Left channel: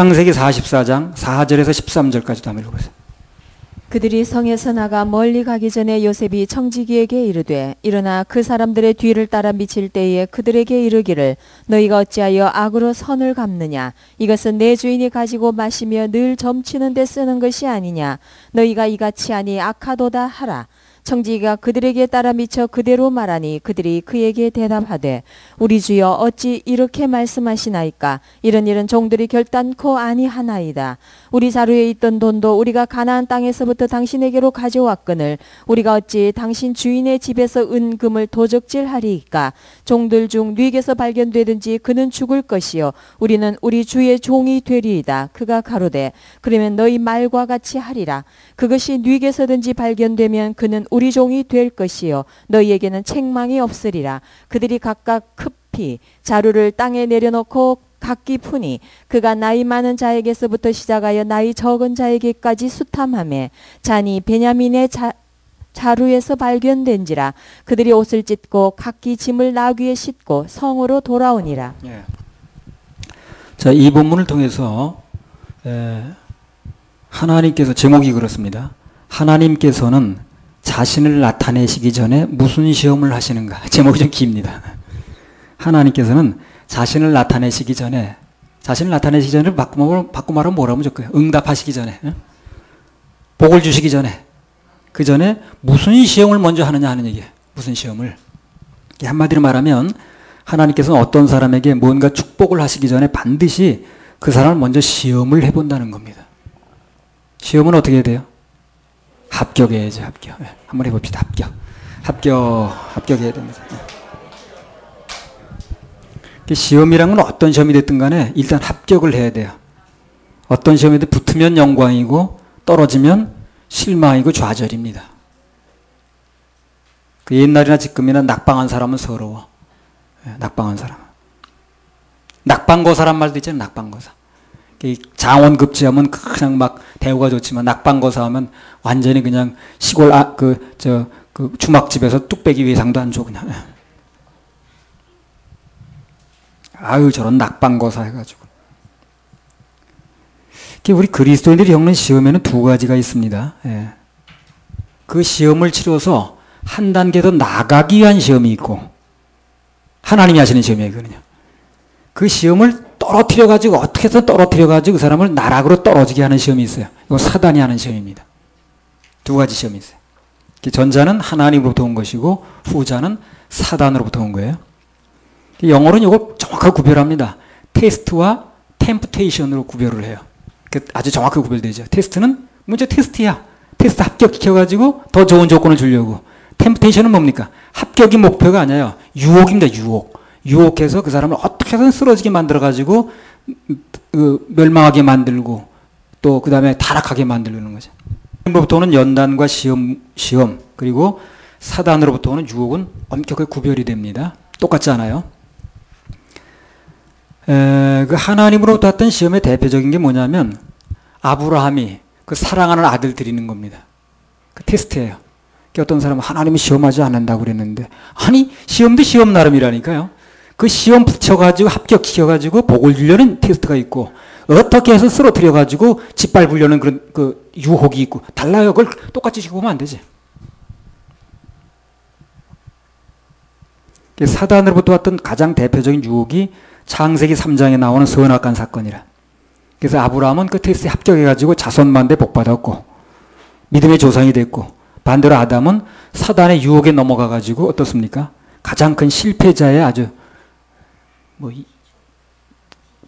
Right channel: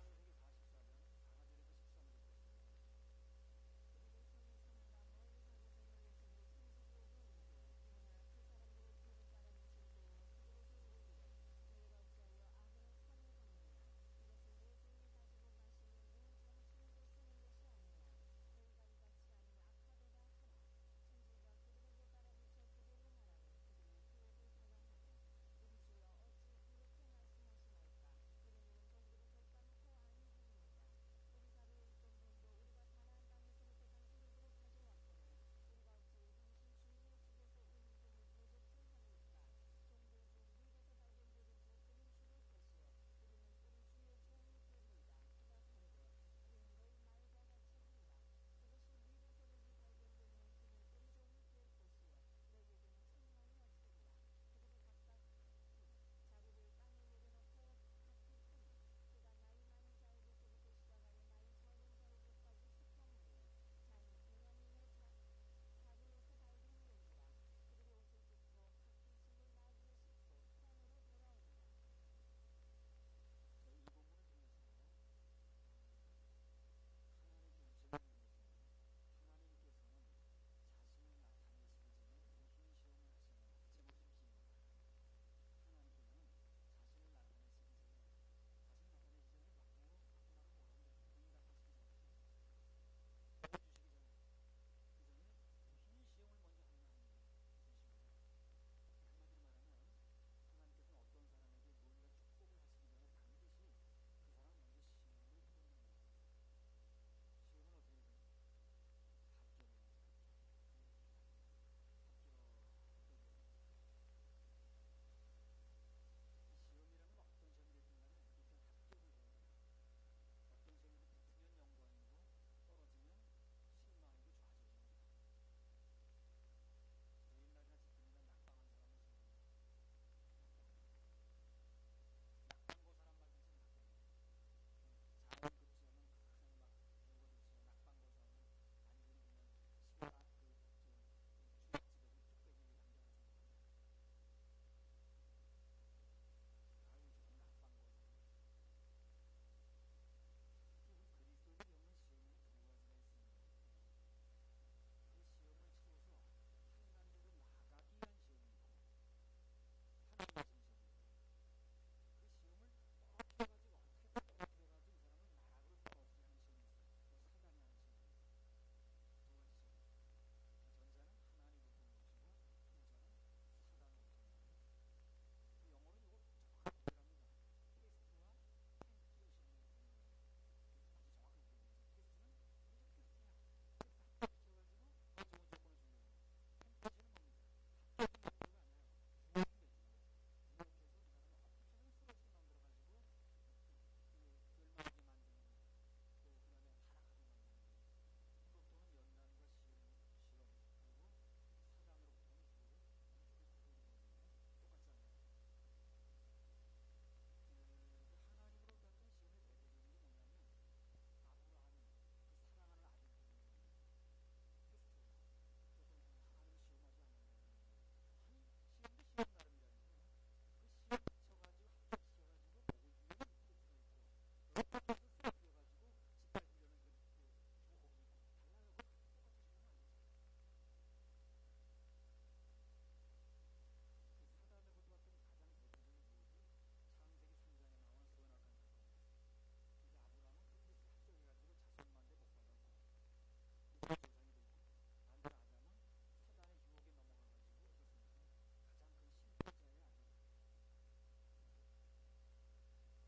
창세기 44장 4절에서 13절까지도 한번 읽어보세요. 그들이 성에서 나가 멀리 가기 전에 요셉이 청지기에게 이르되 일어나 그 사람들의 뒤를 따라 미칠 때에 그들에게 이르기를 너희가 어찌하여 악으로 선을 갚느냐 이것은 내 주인이 가지고 마시며 늘 점치는 데 쓰는 것이 아니냐 너희가 이같이 하니 악하도다 하라. 청지기가 그들에게 따라 미쳐 그대로 말하니 그들이 그에게 대답하되 우리 주여 어찌 이렇게 말씀하시나이까 이런 일은 종들이 결단코 아니하나이다. 우리 자루에 있던 돈도 우리가 가나안 땅에서부터 당신에게로 가져왔거늘 우리가 어찌 당신 주인의 집에서 은금을 도적질하리이까. 종들 중 뉘에게서 발견되든지 그는 죽을 것이요 우리는 우리 주의 종이 되리이다. 그가 가로되 그러면 너희 말과 같이 하리라. 그것이 뉘에게서든지 발견되면 그는 우리 종이 될 것이요 너희에게는 책망이 없으리라. 그들이 각각 급히 자루를 땅에 내려놓고 각기 푸니 그가 나이 많은 자에게서부터 시작하여 나이 적은 자에게까지 수탐하매 잔이 베냐민의 자루에서 발견된지라. 그들이 옷을 찢고 각기 짐을 나귀에 싣고 성으로 돌아오니라. 예. 자, 이 본문을 통해서 하나님께서 제목이 그렇습니다. 하나님께서는 자신을 나타내시기 전에 무슨 시험을 하시는가. 제목이 좀 깁니다. 하나님께서는 자신을 나타내시기 전에 바꿔 말하면 뭐라면 좋고요. 응답하시기 전에, 복을 주시기 전에, 그 전에 무슨 시험을 먼저 하느냐 하는 얘기예요. 무슨 시험을. 한마디로 말하면 하나님께서는 어떤 사람에게 뭔가 축복을 하시기 전에 반드시 그 사람을 먼저 시험을 해본다는 겁니다. 시험은 어떻게 해야 돼요? 합격해야죠. 합격. 한번 해봅시다. 합격해야 됩니다. 시험이란 건 어떤 시험이 됐든 간에 일단 합격을 해야 돼요. 어떤 시험에도 붙으면 영광이고 떨어지면 실망이고 좌절입니다. 그 옛날이나 지금이나 낙방한 사람은 서러워. 낙방한 사람. 낙방거사란 말도 있잖아요. 낙방거사. 장원급제하면 그냥 막 대우가 좋지만 낙방거사 하면 완전히 그냥 시골 주막집에서 뚝배기 외상도 안 줘 그냥. 아유 저런 낙방거사 해가지고. 우리 그리스도인들이 겪는 시험에는 두 가지가 있습니다. 예. 그 시험을 치러서 한 단계 더 나가기 위한 시험이 있고 하나님이 하시는 시험이에요. 그거는요. 그 시험을 떨어뜨려가지고 어떻게 해서 떨어뜨려가지고 그 사람을 나락으로 떨어지게 하는 시험이 있어요. 이거 사단이 하는 시험입니다. 두 가지 시험이 있어요. 전자는 하나님으로부터 온 것이고 후자는 사단으로부터 온 거예요. 영어로는 이걸 정확하게 구별합니다. 테스트와 템프테이션으로 구별을 해요. 아주 정확하게 구별되죠. 테스트는 먼저 테스트야. 테스트 합격시켜가지고 더 좋은 조건을 주려고. 템프테이션은 뭡니까? 합격이 목표가 아니에요. 유혹입니다. 유혹해서 그 사람을 어떻게든 쓰러지게 만들어가지고 멸망하게 만들고 또 그 다음에 타락하게 만들는 거죠. 하나님으로부터 오는 연단과 시험 그리고 사단으로부터 오는 유혹은 엄격하게 구별이 됩니다. 똑같지 않아요. 그 하나님으로부터 왔던 시험의 대표적인 게 뭐냐면 아브라함이 그 사랑하는 아들 드리는 겁니다. 그 테스트예요. 어떤 사람은 하나님이 시험하지 않는다고 그랬는데 아니 시험도 시험 나름이라니까요. 그 시험 붙여가지고 합격시켜가지고 복을 주려는 테스트가 있고 어떻게 해서 쓰러뜨려가지고 짓밟으려는 그런 그 유혹이 있고 달라요. 그걸 똑같이 시켜보면 안 되지. 사단으로부터 왔던 가장 대표적인 유혹이 창세기 3장에 나오는 선악간 사건이라. 그래서 아브라함은 그 테스트에 합격해가지고 자손만대 복받았고 믿음의 조상이 됐고 반대로 아담은 사단의 유혹에 넘어가가지고 어떻습니까? 가장 큰 실패자의 아주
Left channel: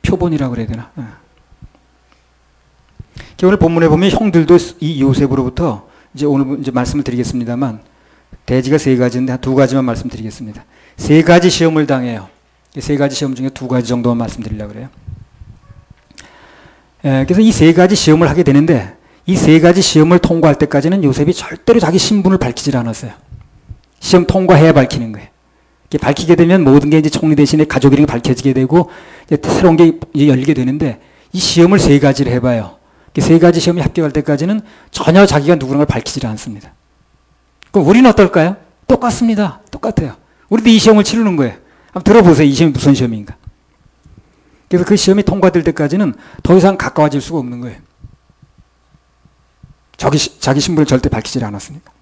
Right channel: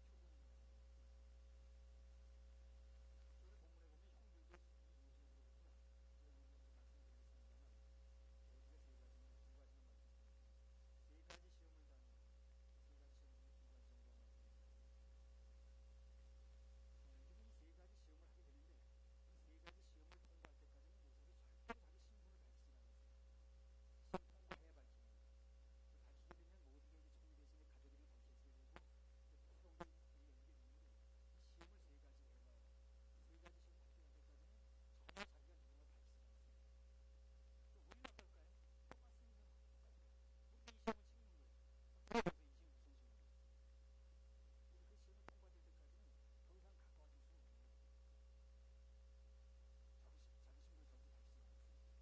표본이라고 그래야 되나? 오늘 본문에 보면 형들도 이 요셉으로부터 이제 오늘 이제 말씀을 드리겠습니다만 대지가 세 가지인데 두 가지만 말씀드리겠습니다. 세 가지 시험을 당해요. 세 가지 시험 중에 두 가지 정도만 말씀드리려고 그래요. 그래서 이 세 가지 시험을 하게 되는데 이 세 가지 시험을 통과할 때까지는 요셉이 절대로 자기 신분을 밝히질 않았어요. 시험 통과해야 밝히는 거예요. 밝히게 되면 모든 게 이제 총리 대신에 가족 이름이 밝혀지게 되고 이제 새로운 게 이제 열리게 되는데 이 시험을 세 가지를 해봐요. 세 가지 시험에 합격할 때까지는 전혀 자기가 누구라는 걸 밝히질 않습니다. 그럼 우리는 어떨까요? 똑같습니다. 똑같아요. 우리도 이 시험을 치르는 거예요. 한번 들어보세요. 이 시험이 무슨 시험인가. 그래서 그 시험이 통과될 때까지는 더 이상 가까워질 수가 없는 거예요. 자기 신분을 절대 밝히지 않았으니까.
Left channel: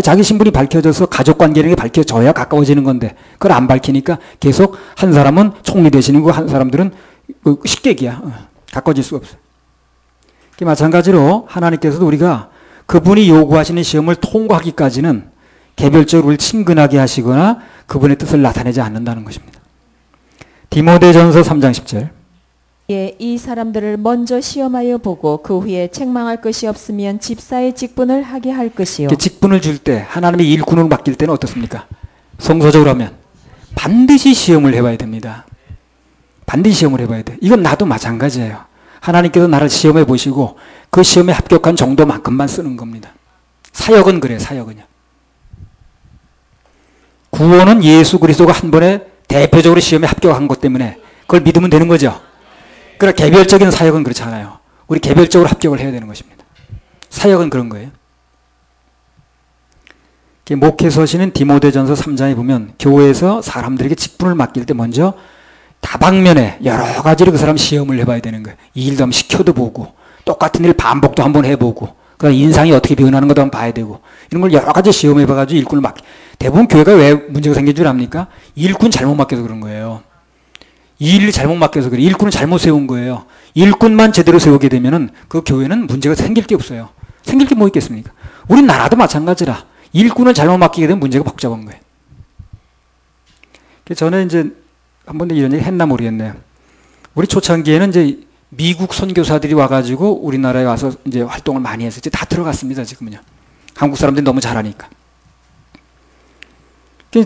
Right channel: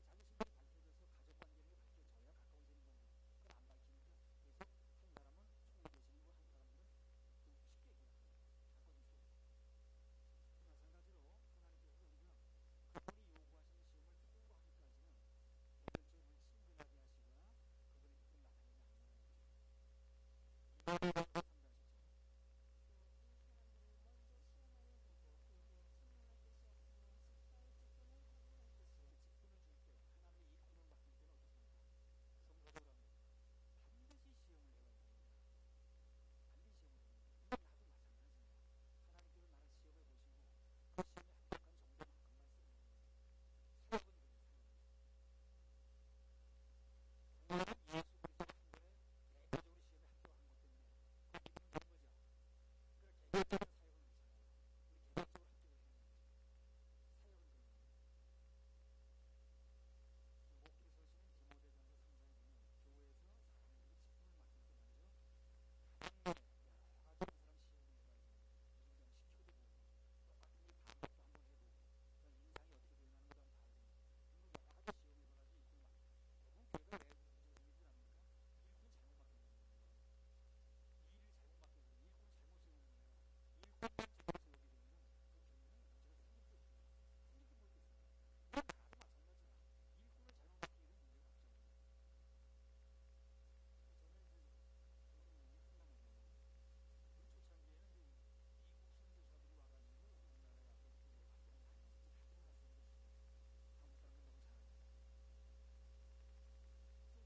자기 신분이 밝혀져서 가족관계라는 게 밝혀져야 가까워지는 건데 그걸 안 밝히니까 계속 한 사람은 총리 되시는 거고 한 사람들은 식객이야. 가까워질 수가 없어요. 마찬가지로 하나님께서도 우리가 그분이 요구하시는 시험을 통과하기까지는 개별적으로 우리를 친근하게 하시거나 그분의 뜻을 나타내지 않는다는 것입니다. 디모데전서 3장 10절. 예, 이 사람들을 먼저 시험하여 보고 그 후에 책망할 것이 없으면 집사의 직분을 하게 할 것이요. 직분을 줄 때 하나님의 일꾼으로 맡길 때는 어떻습니까? 성서적으로 하면 반드시 시험을 해봐야 됩니다. 반드시 시험을 해봐야 돼. 이건 나도 마찬가지예요. 하나님께서 나를 시험해 보시고 그 시험에 합격한 정도만큼만 쓰는 겁니다. 사역은 그래, 사역은요. 구원은 예수 그리스도가 한 번에 대표적으로 시험에 합격한 것 때문에 그걸 믿으면 되는 거죠. 그러나 개별적인 사역은 그렇지 않아요. 우리 개별적으로 합격을 해야 되는 것입니다. 사역은 그런 거예요. 목회서시는 디모데전서 3장에 보면 교회에서 사람들에게 직분을 맡길 때 먼저 다방면에 여러 가지로 그 사람 시험을 해봐야 되는 거예요. 이 일도 한번 시켜도 보고 똑같은 일 반복도 한번 해보고 그다음 인상이 어떻게 변하는 것도 한번 봐야 되고 이런 걸 여러 가지 시험해봐가지고 일꾼을 대부분 교회가 왜 문제가 생긴 줄 압니까? 일꾼 잘못 맡겨서 그런 거예요. 이 일을 잘못 맡겨서 그래. 일꾼을 잘못 세운 거예요. 일꾼만 제대로 세우게 되면은 그 교회는 문제가 생길 게 없어요. 생길 게 뭐 있겠습니까? 우리 나라도 마찬가지라. 일꾼을 잘못 맡기게 되면 문제가 복잡한 거예요. 저는 이제 한 번도 이런 얘기 했나 모르겠네요. 우리 초창기에는 이제 미국 선교사들이 와가지고 우리나라에 와서 이제 활동을 많이 해서 이제 다 들어갔습니다. 지금은요. 한국 사람들이 너무 잘하니까.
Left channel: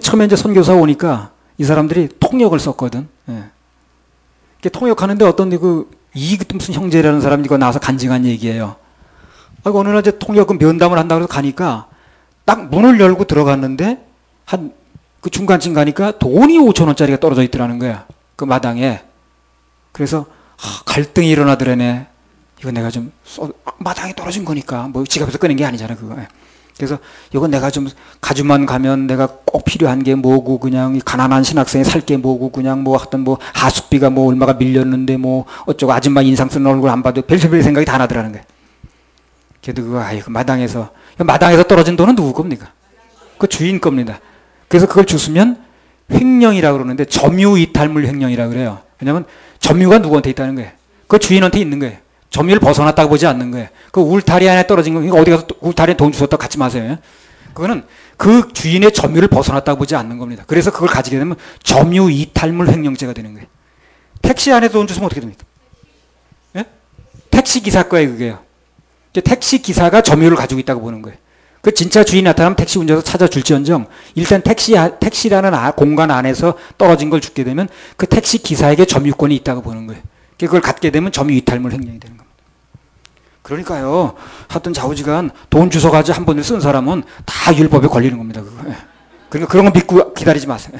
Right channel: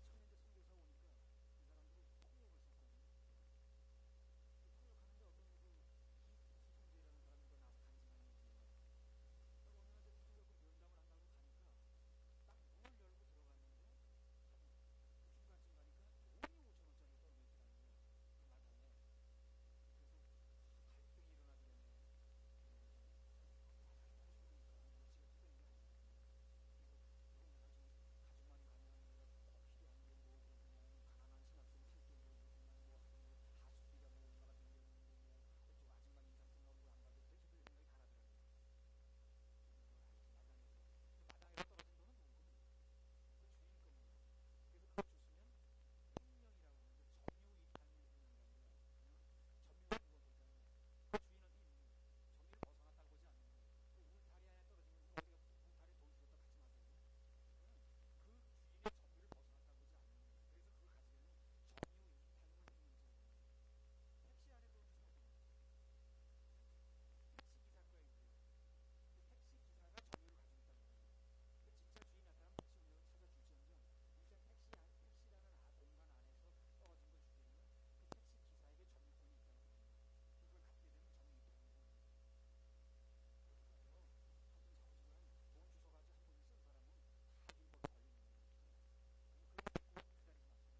처음에 이제 선교사 오니까 이 사람들이 통역을 썼거든. 예. 통역하는데 어떤 무슨 형제라는 사람이 이거 나와서 간증한 얘기예요. 어느 날 이제 통역 면담을 한다고 해서 가니까 딱 문을 열고 들어갔는데 그 중간쯤 가니까 돈이 5,000원짜리가 떨어져 있더라는 거야. 그 마당에. 그래서 갈등이 일어나더라네. 이거 내가 좀 마당에 떨어진 거니까 뭐 지갑에서 꺼낸 게 아니잖아 그거. 그래서 이거 내가 좀 가주만 가면 내가 꼭 필요한 게 뭐고 그냥 가난한 신학생이 살 게 뭐고 그냥 뭐 하여튼 뭐 하숙비가 뭐 얼마가 밀렸는데 뭐 어쩌고 아줌마 인상 쓰는 얼굴 안 봐도 별별 생각이 다 나더라는 거야. 그래도 그 마당에서 떨어진 돈은 누구 겁니까? 그 주인 겁니다. 그래서 그걸 주시면 횡령이라고 그러는데 점유이탈물 횡령이라고 그래요. 왜냐하면 점유가 누구한테 있다는 거예요. 그 주인한테 있는 거예요. 점유를 벗어났다고 보지 않는 거예요. 그 울타리 안에 떨어진 거, 어디 가서 울타리에 돈 주셨다고 갖지 마세요. 그거는 그 주인의 점유를 벗어났다고 보지 않는 겁니다. 그래서 그걸 가지게 되면 점유이탈물 횡령죄가 되는 거예요. 택시 안에 돈 주시면 어떻게 됩니까? 예? 택시 기사 거예요, 그게요. 택시 기사가 점유를 가지고 있다고 보는 거예요. 그 진짜 주인이 나타나면 택시 운전사 찾아줄지언정 일단 택시라는 공간 안에서 떨어진 걸 죽게 되면 그 택시 기사에게 점유권이 있다고 보는 거예요. 그걸 갖게 되면 점유이탈물 횡령이 되는 겁니다. 그러니까요. 하여튼 좌우지간 돈 주워가지고 한 번에 쓴 사람은 다 율법에 걸리는 겁니다. 그거. 그러니까 그런 거 믿고 기다리지 마세요.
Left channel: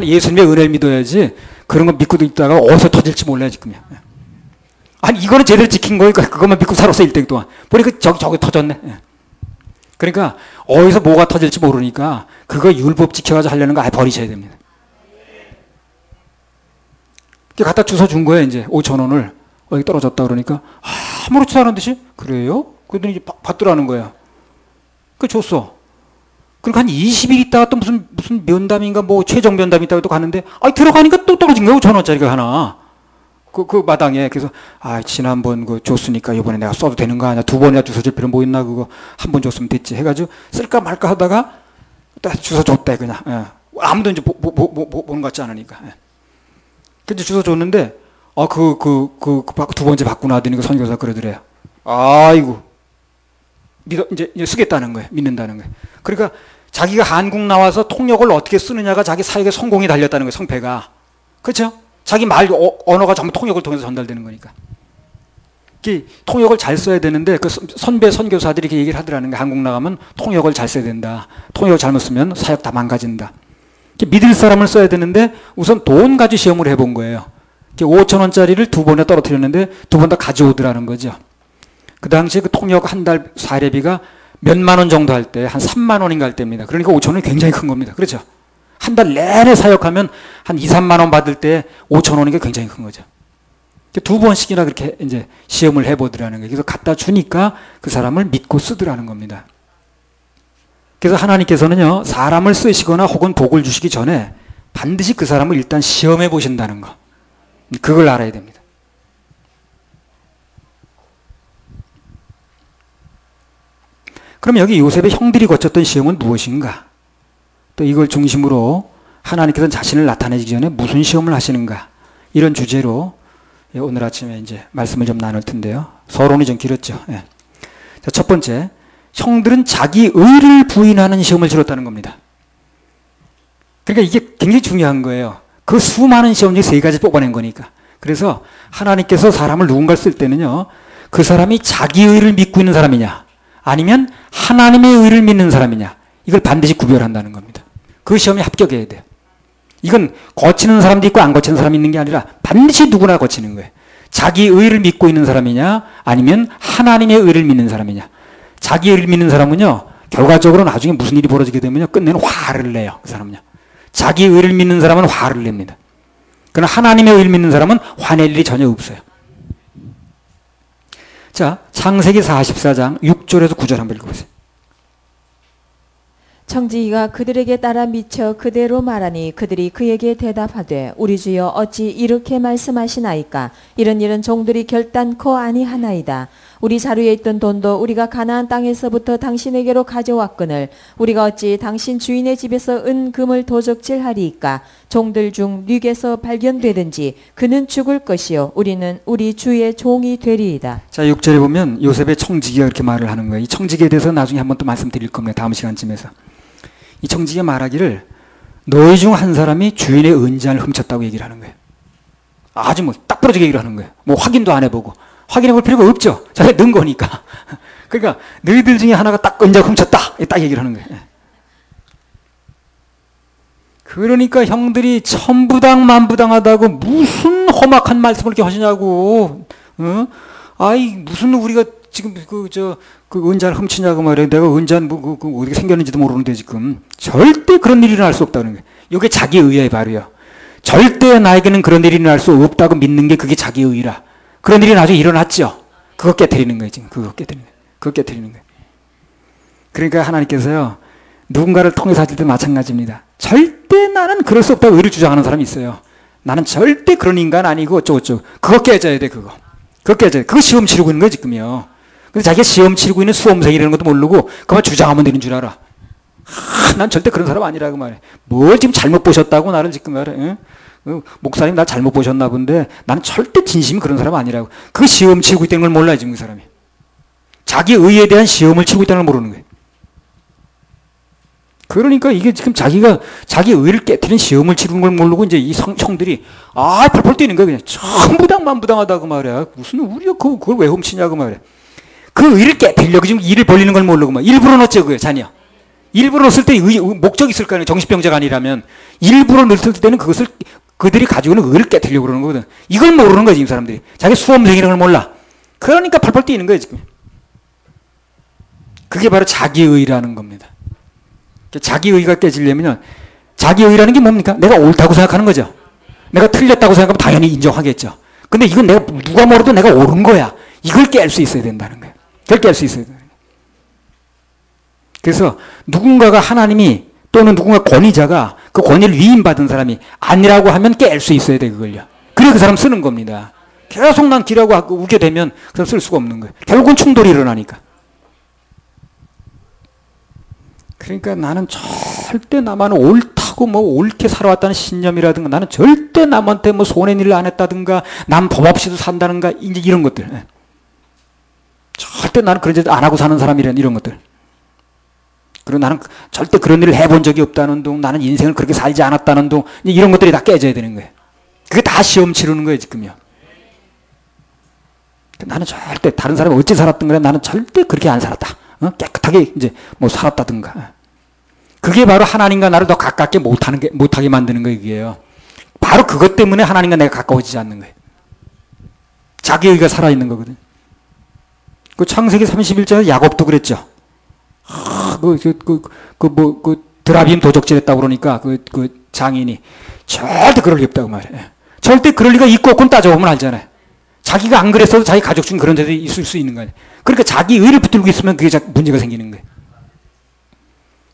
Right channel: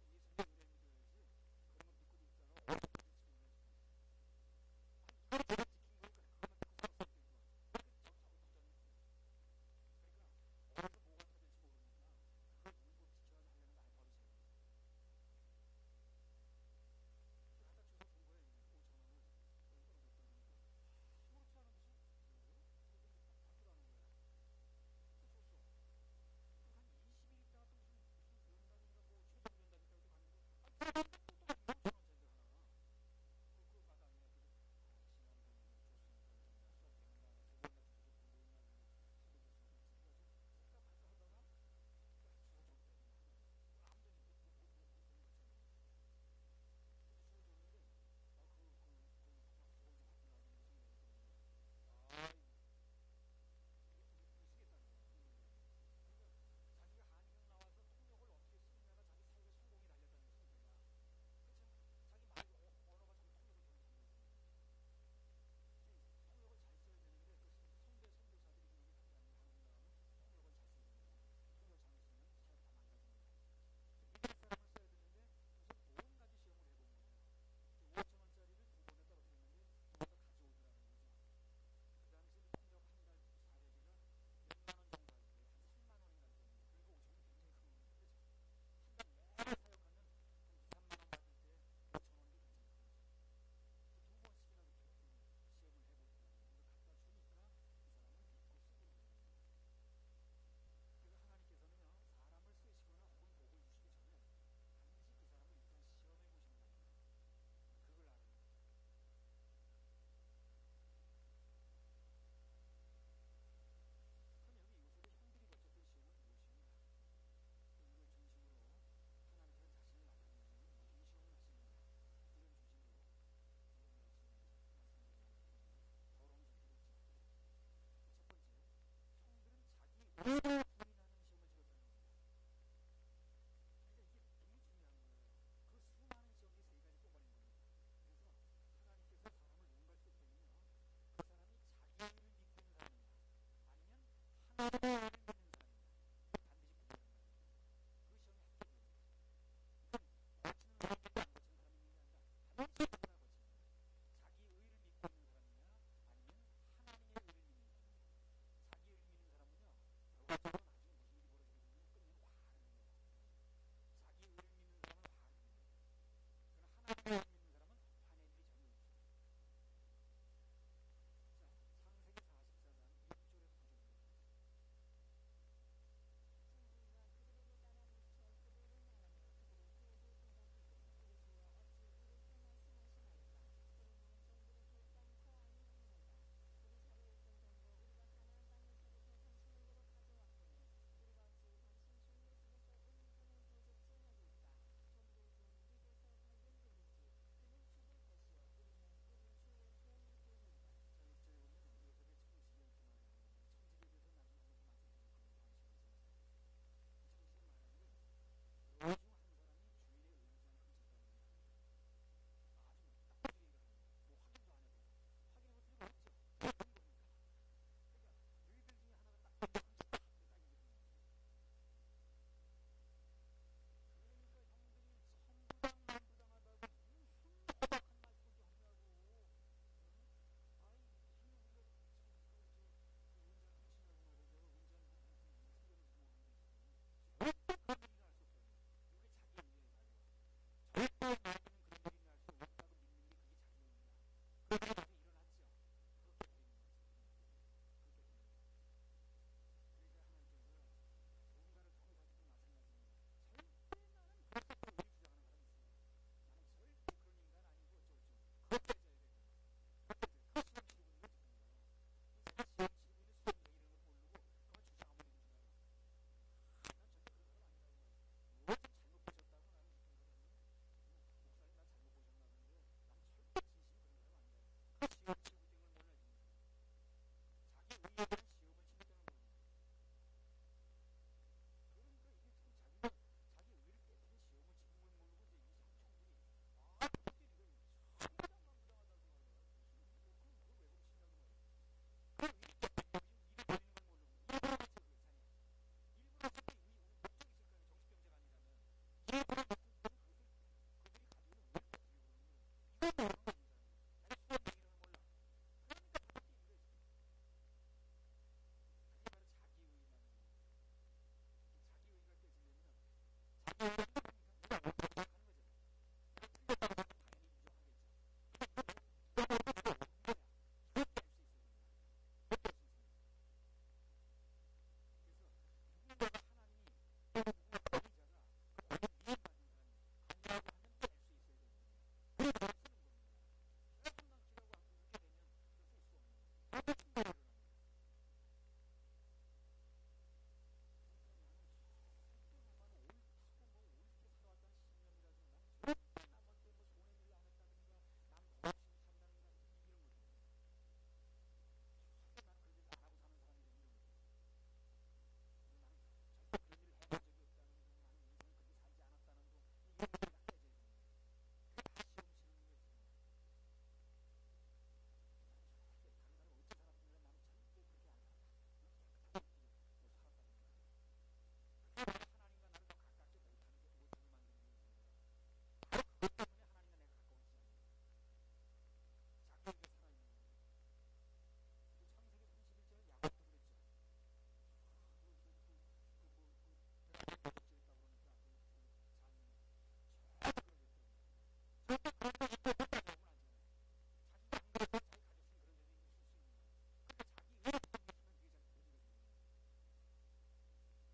예수님의 은혜를 믿어야지 그런 거 믿고 있다가 어디서 터질지 몰라요 지금이야. 아니 이거는 제대로 지킨 거니까 그것만 믿고 살았어 1등 동안. 보니까 저기 터졌네. 그러니까 어디서 뭐가 터질지 모르니까 그거 율법 지켜가지고 하려는 거 아예 버리셔야 됩니다. 갖다 주워 준 거예요 이제 5,000원을. 여기 떨어졌다 그러니까 아무렇지도 않은 듯이 그래요? 그러더니 받더라는 거야. 그 줬어. 그러니까 한 20일 있다가 또 무슨 면담인가 뭐 최종 면담이 있다고 또 가는데 들어가니까 또 떨어진 거야 5,000원짜리가 하나. 그 마당에. 그래서 지난번 줬으니까 이번에 내가 써도 되는 거 아니야. 2번이나 주워줄 필요 뭐 있나 그거 한 번 줬으면 됐지 해가지고 쓸까 말까 하다가 딱 주워줬대 그냥. 아무도 이제 보는 것 같지 않으니까. 근데 주워줬는데 두 번째 받고 나더니 그 선교사 그러더래요. 아이고 이제 쓰겠다는 거예요. 믿는다는 거예요. 그러니까 자기가 한국 나와서 통역을 어떻게 쓰느냐가 자기 사역의 성공이 달렸다는 거예요. 성패가. 그렇죠? 자기 언어가 전부 통역을 통해서 전달되는 거니까. 통역을 잘 써야 되는데 그 선배 선교사들이 이렇게 얘기를 하더라는 게 한국 나가면 통역을 잘 써야 된다. 통역을 잘못 쓰면 사역 다 망가진다. 믿을 사람을 써야 되는데 우선 돈 가지고 시험을 해본 거예요. 5,000원짜리를 2번에 떨어뜨렸는데 2번 다 가져오더라는 거죠. 그 당시에 그 통역 한 달 사례비가 몇만 원 정도 할 때 한 3만 원인가 할 때입니다. 그러니까 5,000원이 굉장히 큰 겁니다. 그렇죠? 한 달 내내 사역하면 한 2, 3만 원 받을 때 5천 원인 게 굉장히 큰 거죠. 두 번씩이나 그렇게 이제 시험을 해보더라는 거예요. 그래서 갖다 주니까 그 사람을 믿고 쓰더라는 겁니다. 그래서 하나님께서는요, 사람을 쓰시거나 혹은 복을 주시기 전에 반드시 그 사람을 일단 시험해 보신다는 거. 그걸 알아야 됩니다. 그럼 여기 요셉의 형들이 거쳤던 시험은 무엇인가? 또 이걸 중심으로 하나님께서는 자신을 나타내기 전에 무슨 시험을 하시는가? 이런 주제로 오늘 아침에 이제 말씀을 좀 나눌 텐데요. 서론이 좀 길었죠. 예. 자, 첫 번째, 형들은 자기 의를 부인하는 시험을 치렀다는 겁니다. 그러니까 이게 굉장히 중요한 거예요. 그 수많은 시험 중에 세 가지 뽑아낸 거니까. 그래서 하나님께서 사람을 누군가를 쓸 때는요, 그 사람이 자기 의를 믿고 있는 사람이냐, 아니면 하나님의 의를 믿는 사람이냐, 이걸 반드시 구별한다는 겁니다. 그 시험에 합격해야 돼요. 이건 거치는 사람도 있고 안 거치는 사람이 있는 게 아니라 반드시 누구나 거치는 거예요. 자기 의를 믿고 있는 사람이냐, 아니면 하나님의 의를 믿는 사람이냐. 자기 의를 믿는 사람은요, 결과적으로 나중에 무슨 일이 벌어지게 되면요, 끝내는 화를 내요. 그 사람은요. 자기 의를 믿는 사람은 화를 냅니다. 그러나 하나님의 의를 믿는 사람은 화낼 일이 전혀 없어요. 자, 창세기 44장 6절에서 9절 한번 읽어보세요. 청지기가 그들에게 따라 미쳐 그대로 말하니 그들이 그에게 대답하되 우리 주여 어찌 이렇게 말씀하시나이까. 이런 일은 종들이 결단코 아니하나이다. 우리 자루에 있던 돈도 우리가 가나안 땅에서부터 당신에게로 가져왔거늘 우리가 어찌 당신 주인의 집에서 은 금을 도적질하리이까. 종들 중 뉘게서 발견되든지 그는 죽을 것이요 우리는 우리 주의 종이 되리이다. 자, 6절에 보면 요셉의 청지기가 이렇게 말을 하는 거예요. 이 청지기에 대해서 나중에 한번 또 말씀드릴 겁니다. 다음 시간쯤에서. 이 청지기가 말하기를 너희 중 한 사람이 주인의 은잔을 훔쳤다고 얘기를 하는 거예요. 아주 뭐 딱 부러지게 얘기를 하는 거예요. 뭐 확인도 안 해보고. 확인해 볼 필요가 없죠. 자기가 넣은 거니까. 그러니까 너희들 중에 하나가 딱 은잔을 훔쳤다. 딱 얘기를 하는 거예요. 그러니까 형들이 천부당 만부당하다고 무슨 험악한 말씀을 이렇게 하시냐고. 어? 아이 무슨 우리가 지금 그 은잔을 훔치냐고 말이에요. 내가 은잔 어떻게 생겼는지도 모르는데 지금 절대 그런 일이 일어날 수 없다는 거예요. 이게 자기 의의 발휘야. 절대 나에게는 그런 일이 일어날 수 없다고 믿는 게 그게 자기 의라. 그런 일이 나중에 일어났죠. 그거 깨트리는 거예요. 지금 그거 깨트리는 거예요. 그거 깨트리는 거예요. 그러니까 하나님께서요, 누군가를 통해서 하실 때 마찬가지입니다. 절대 나는 그럴 수 없다고 의를 주장하는 사람이 있어요. 나는 절대 그런 인간 아니고 어쩌고저쩌고. 그거 깨져야 돼. 그거 깨져야 돼. 그거 시험 치르고 있는 거야 지금요. 근데 자기가 시험 치르고 있는 수험생이라는 것도 모르고 그만 주장하면 되는 줄 알아. 난 절대 그런 사람 아니라고 말해. 뭘 지금 잘못 보셨다고 나를 지금 말해. 응? 목사님 나 잘못 보셨나 본데 나는 절대 진심이 그런 사람 아니라고. 그 시험 치고 있다는 걸 몰라요 지금 그 사람이. 자기 의에 대한 시험을 치고 있다는 걸 모르는 거예요. 그러니까 이게 지금 자기가 자기 의를 깨트리는 시험을 치르는 걸 모르고 이제 이 형들이 펄펄 뛰는 거야. 그냥 천부당 만부당하다고 말이야. 무슨 우리가 그걸 왜 훔치냐고 말이야. 그 의를 깨트리려고 지금 일을 벌리는 걸 모르고 막 일부러 넣었죠 그게 자녀. 일부러 넣었을 때 목적이 있을 거 아니에요. 정신병자가 아니라면 일부러 넣었을 때는 그것을 그들이 가지고 있는 의를 깨트리려고 그러는 거거든. 이걸 모르는 거야 지금 사람들이. 자기 수험생이라는 걸 몰라. 그러니까 펄펄 뛰는 거예요 지금. 그게 바로 자기의라는 겁니다. 자기의가 깨지려면 자기의라는 게 뭡니까? 내가 옳다고 생각하는 거죠. 내가 틀렸다고 생각하면 당연히 인정하겠죠. 근데 이건 내가 누가 뭐라도 내가 옳은 거야. 이걸 깰 수 있어야 된다는 거예요. 그걸 깰 수 있어야 돼요. 그래서 누군가가 하나님이 또는 누군가 권위자가 그 권위를 위임받은 사람이 아니라고 하면 깰 수 있어야 돼 그걸요. 그래 그 사람 쓰는 겁니다. 계속 난 기라고 우게 되면 그 사람 쓸 수가 없는 거예요. 결국은 충돌이 일어나니까. 그러니까 나는 절대 나만 옳다고 뭐 옳게 살아왔다는 신념이라든가 나는 절대 남한테 뭐 손해인 일을 안 했다든가 남 법 없이도 산다든가 이제 이런 것들. 절대 나는 그런 짓 안 하고 사는 사람이란 이런 것들. 그리고 나는 절대 그런 일을 해본 적이 없다는 둥, 나는 인생을 그렇게 살지 않았다는 둥, 이런 것들이 다 깨져야 되는 거예요. 그게 다 시험 치르는 거예요, 지금요. 나는 절대 다른 사람이 어찌 살았든 그래, 나는 절대 그렇게 안 살았다. 깨끗하게 이제 뭐 살았다든가. 그게 바로 하나님과 나를 더 가깝게 못하게 만드는 거예요, 이게요. 바로 그것 때문에 하나님과 내가 가까워지지 않는 거예요. 자기의가 살아있는 거거든. 그 창세기 31장에 야곱도 그랬죠. 드라비움 도적질했다고 그러니까 그 장인이 절대 그럴 리 없다고 말해요. 절대 그럴 리가 있고 없고는 따져보면 알잖아요. 자기가 안 그랬어도 자기 가족 중에 그런 데도 있을 수 있는 거예요. 그러니까 자기 의를 붙들고 있으면 그게 문제가 생기는 거예요.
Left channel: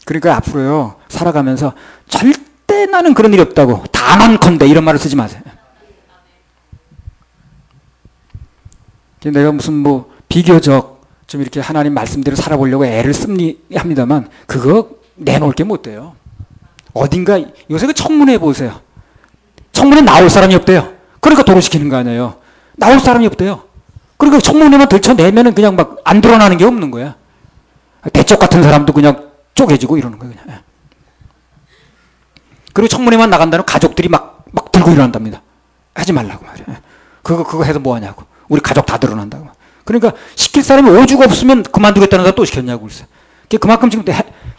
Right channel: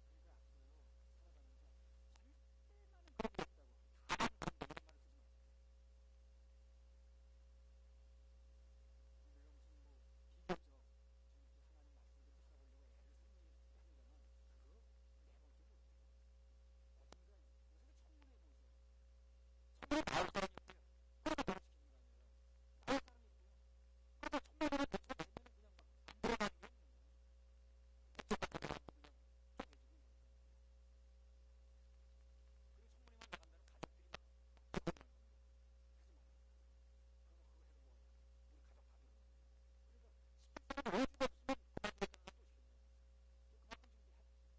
그러니까 앞으로요, 살아가면서 절대 나는 그런 일이 없다고, 단언컨대 이런 말을 쓰지 마세요. 내가 무슨 뭐 비교적 좀 이렇게 하나님 말씀대로 살아보려고 애를 씁니다만 그거 내놓을 게 못 돼요. 어딘가 요새 그 청문회 보세요. 청문회 나올 사람이 없대요. 그러니까 도로시키는 거 아니에요. 나올 사람이 없대요. 그러니까 청문회만 들춰내면은 그냥 막 안 드러나는 게 없는 거야. 대쪽 같은 사람도 그냥 쪼개지고 이러는 거예요. 그냥. 그리고 청문회만 나간다는 가족들이 막 들고 일어난답니다. 하지 말라고 말이야. 그거 해서 뭐 하냐고. 우리 가족 다 드러난다고. 그러니까 시킬 사람이 오죽 없으면 그만두겠다는 사람 또 시켰냐고 그랬어요. 그만큼 지금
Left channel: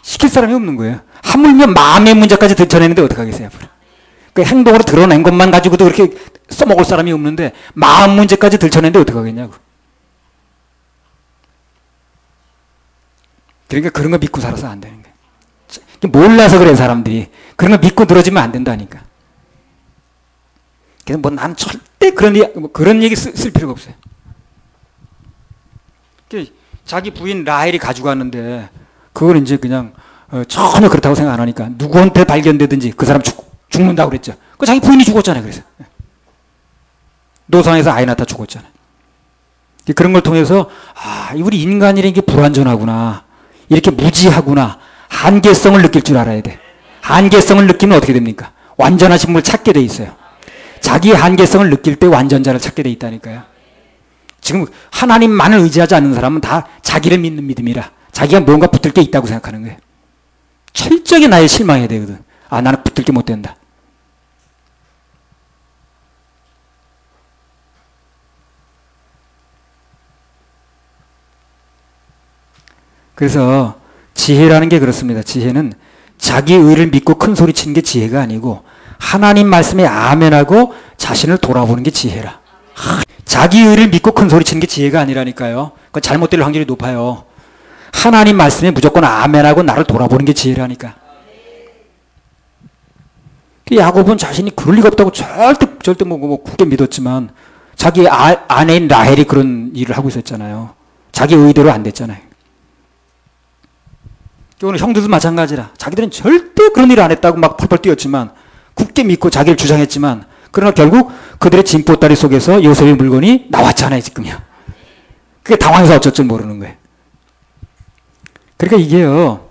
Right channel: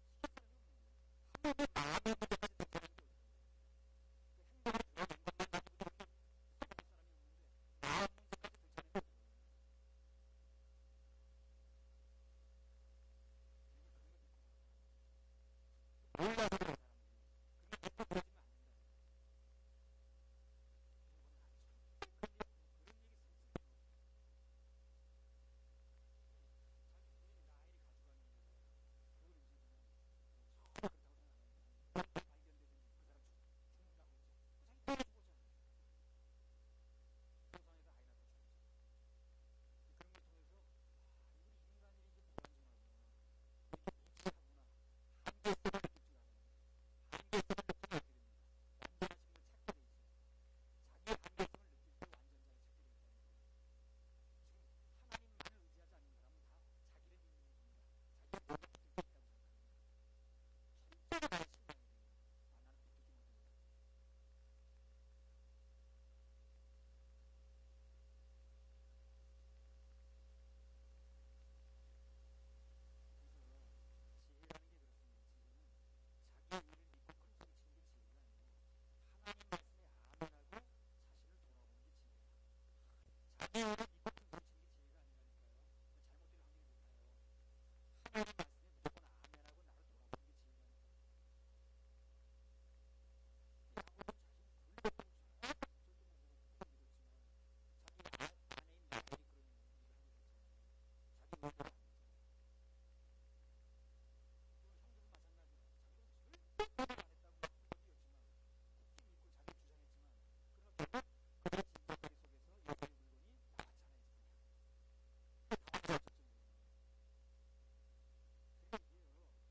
시킬 사람이 없는 거예요. 하물며 마음의 문제까지 들춰내는데 어떡하겠어요. 그 행동으로 드러낸 것만 가지고도 그렇게 써먹을 사람이 없는데 마음 문제까지 들춰내는데 어떡하겠냐고. 그러니까 그런 거 믿고 살아서 안 되는 거예요. 몰라서 그래 사람들이. 그런 거 믿고 늘어지면 안 된다니까. 그래서 뭐 난 절대 그런 얘기 쓸 필요가 없어요. 자기 부인 라헬이 가지고 왔는데 그걸 이제 그냥 전혀 그렇다고 생각 안 하니까 누구한테 발견되든지 그 사람 죽는다고 그랬죠. 그 자기 부인이 죽었잖아요. 그래서 노상에서 아이 낳다 죽었잖아요. 그런 걸 통해서 우리 인간이라는 게 불완전하구나. 이렇게 무지하구나. 한계성을 느낄 줄 알아야 돼. 한계성을 느끼면 어떻게 됩니까? 완전하신 분을 찾게 돼 있어요. 자기의 한계성을 느낄 때 완전자를 찾게 돼 있다니까요. 지금 하나님만을 의지하지 않는 사람은 다 자기를 믿는 믿음이라 자기가 뭔가 붙들 게 있다고 생각하는 거예요. 철저하게 나에 실망해야 되거든. 나는 붙들 게 못 된다. 그래서 지혜라는 게 그렇습니다. 지혜는 자기 의를 믿고 큰 소리 치는 게 지혜가 아니고 하나님 말씀에 아멘하고 자신을 돌아보는 게 지혜라. 자기 의를 믿고 큰 소리 치는 게 지혜가 아니라니까요. 그건 잘못될 확률이 높아요. 하나님 말씀에 무조건 아멘하고 나를 돌아보는 게 지혜라니까. 야곱은 자신이 그럴 리가 없다고 절대 뭐 굳게 믿었지만 자기 아내인 라헬이 그런 일을 하고 있었잖아요. 자기 의대로 안 됐잖아요. 오늘 형들도 마찬가지라. 자기들은 절대 그런 일을 안 했다고 막 펄펄 뛰었지만 굳게 믿고 자기를 주장했지만 그러나 결국 그들의 진보다리 속에서 요셉의 물건이 나왔잖아요. 지금요. 그게 당황해서 어쩔 줄 모르는 거예요. 그러니까 이게요.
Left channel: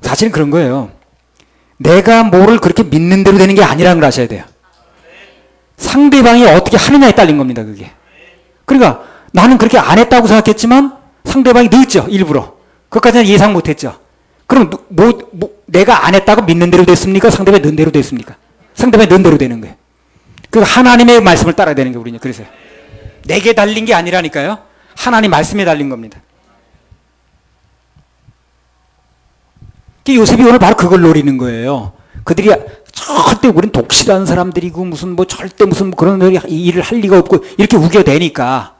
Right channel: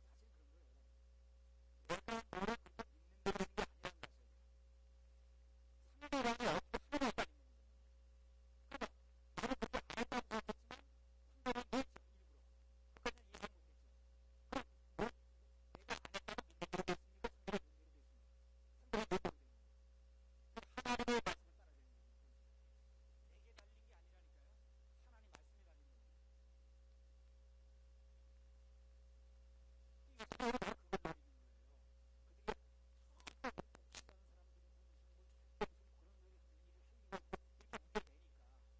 사실은 그런 거예요. 내가 뭐를 그렇게 믿는 대로 되는 게 아니라는 걸 아셔야 돼요. 상대방이 어떻게 하느냐에 딸린 겁니다. 그게. 그러니까 나는 그렇게 안 했다고 생각했지만 상대방이 늦죠. 일부러. 그것까지는 예상 못했죠. 그럼 내가 안 했다고 믿는 대로 됐습니까? 상대방이 는 대로 됐습니까? 상대방이 는 대로 되는 거예요. 그 하나님의 말씀을 따라야 되는 게 우리는 그래서요. 내게 달린 게 아니라니까요. 하나님 말씀에 달린 겁니다. 요셉이 오늘 바로 그걸 노리는 거예요. 그들이 절대 우린 독실한 사람들이고 무슨 뭐 절대 무슨 그런 일을 할 리가 없고 이렇게 우겨대니까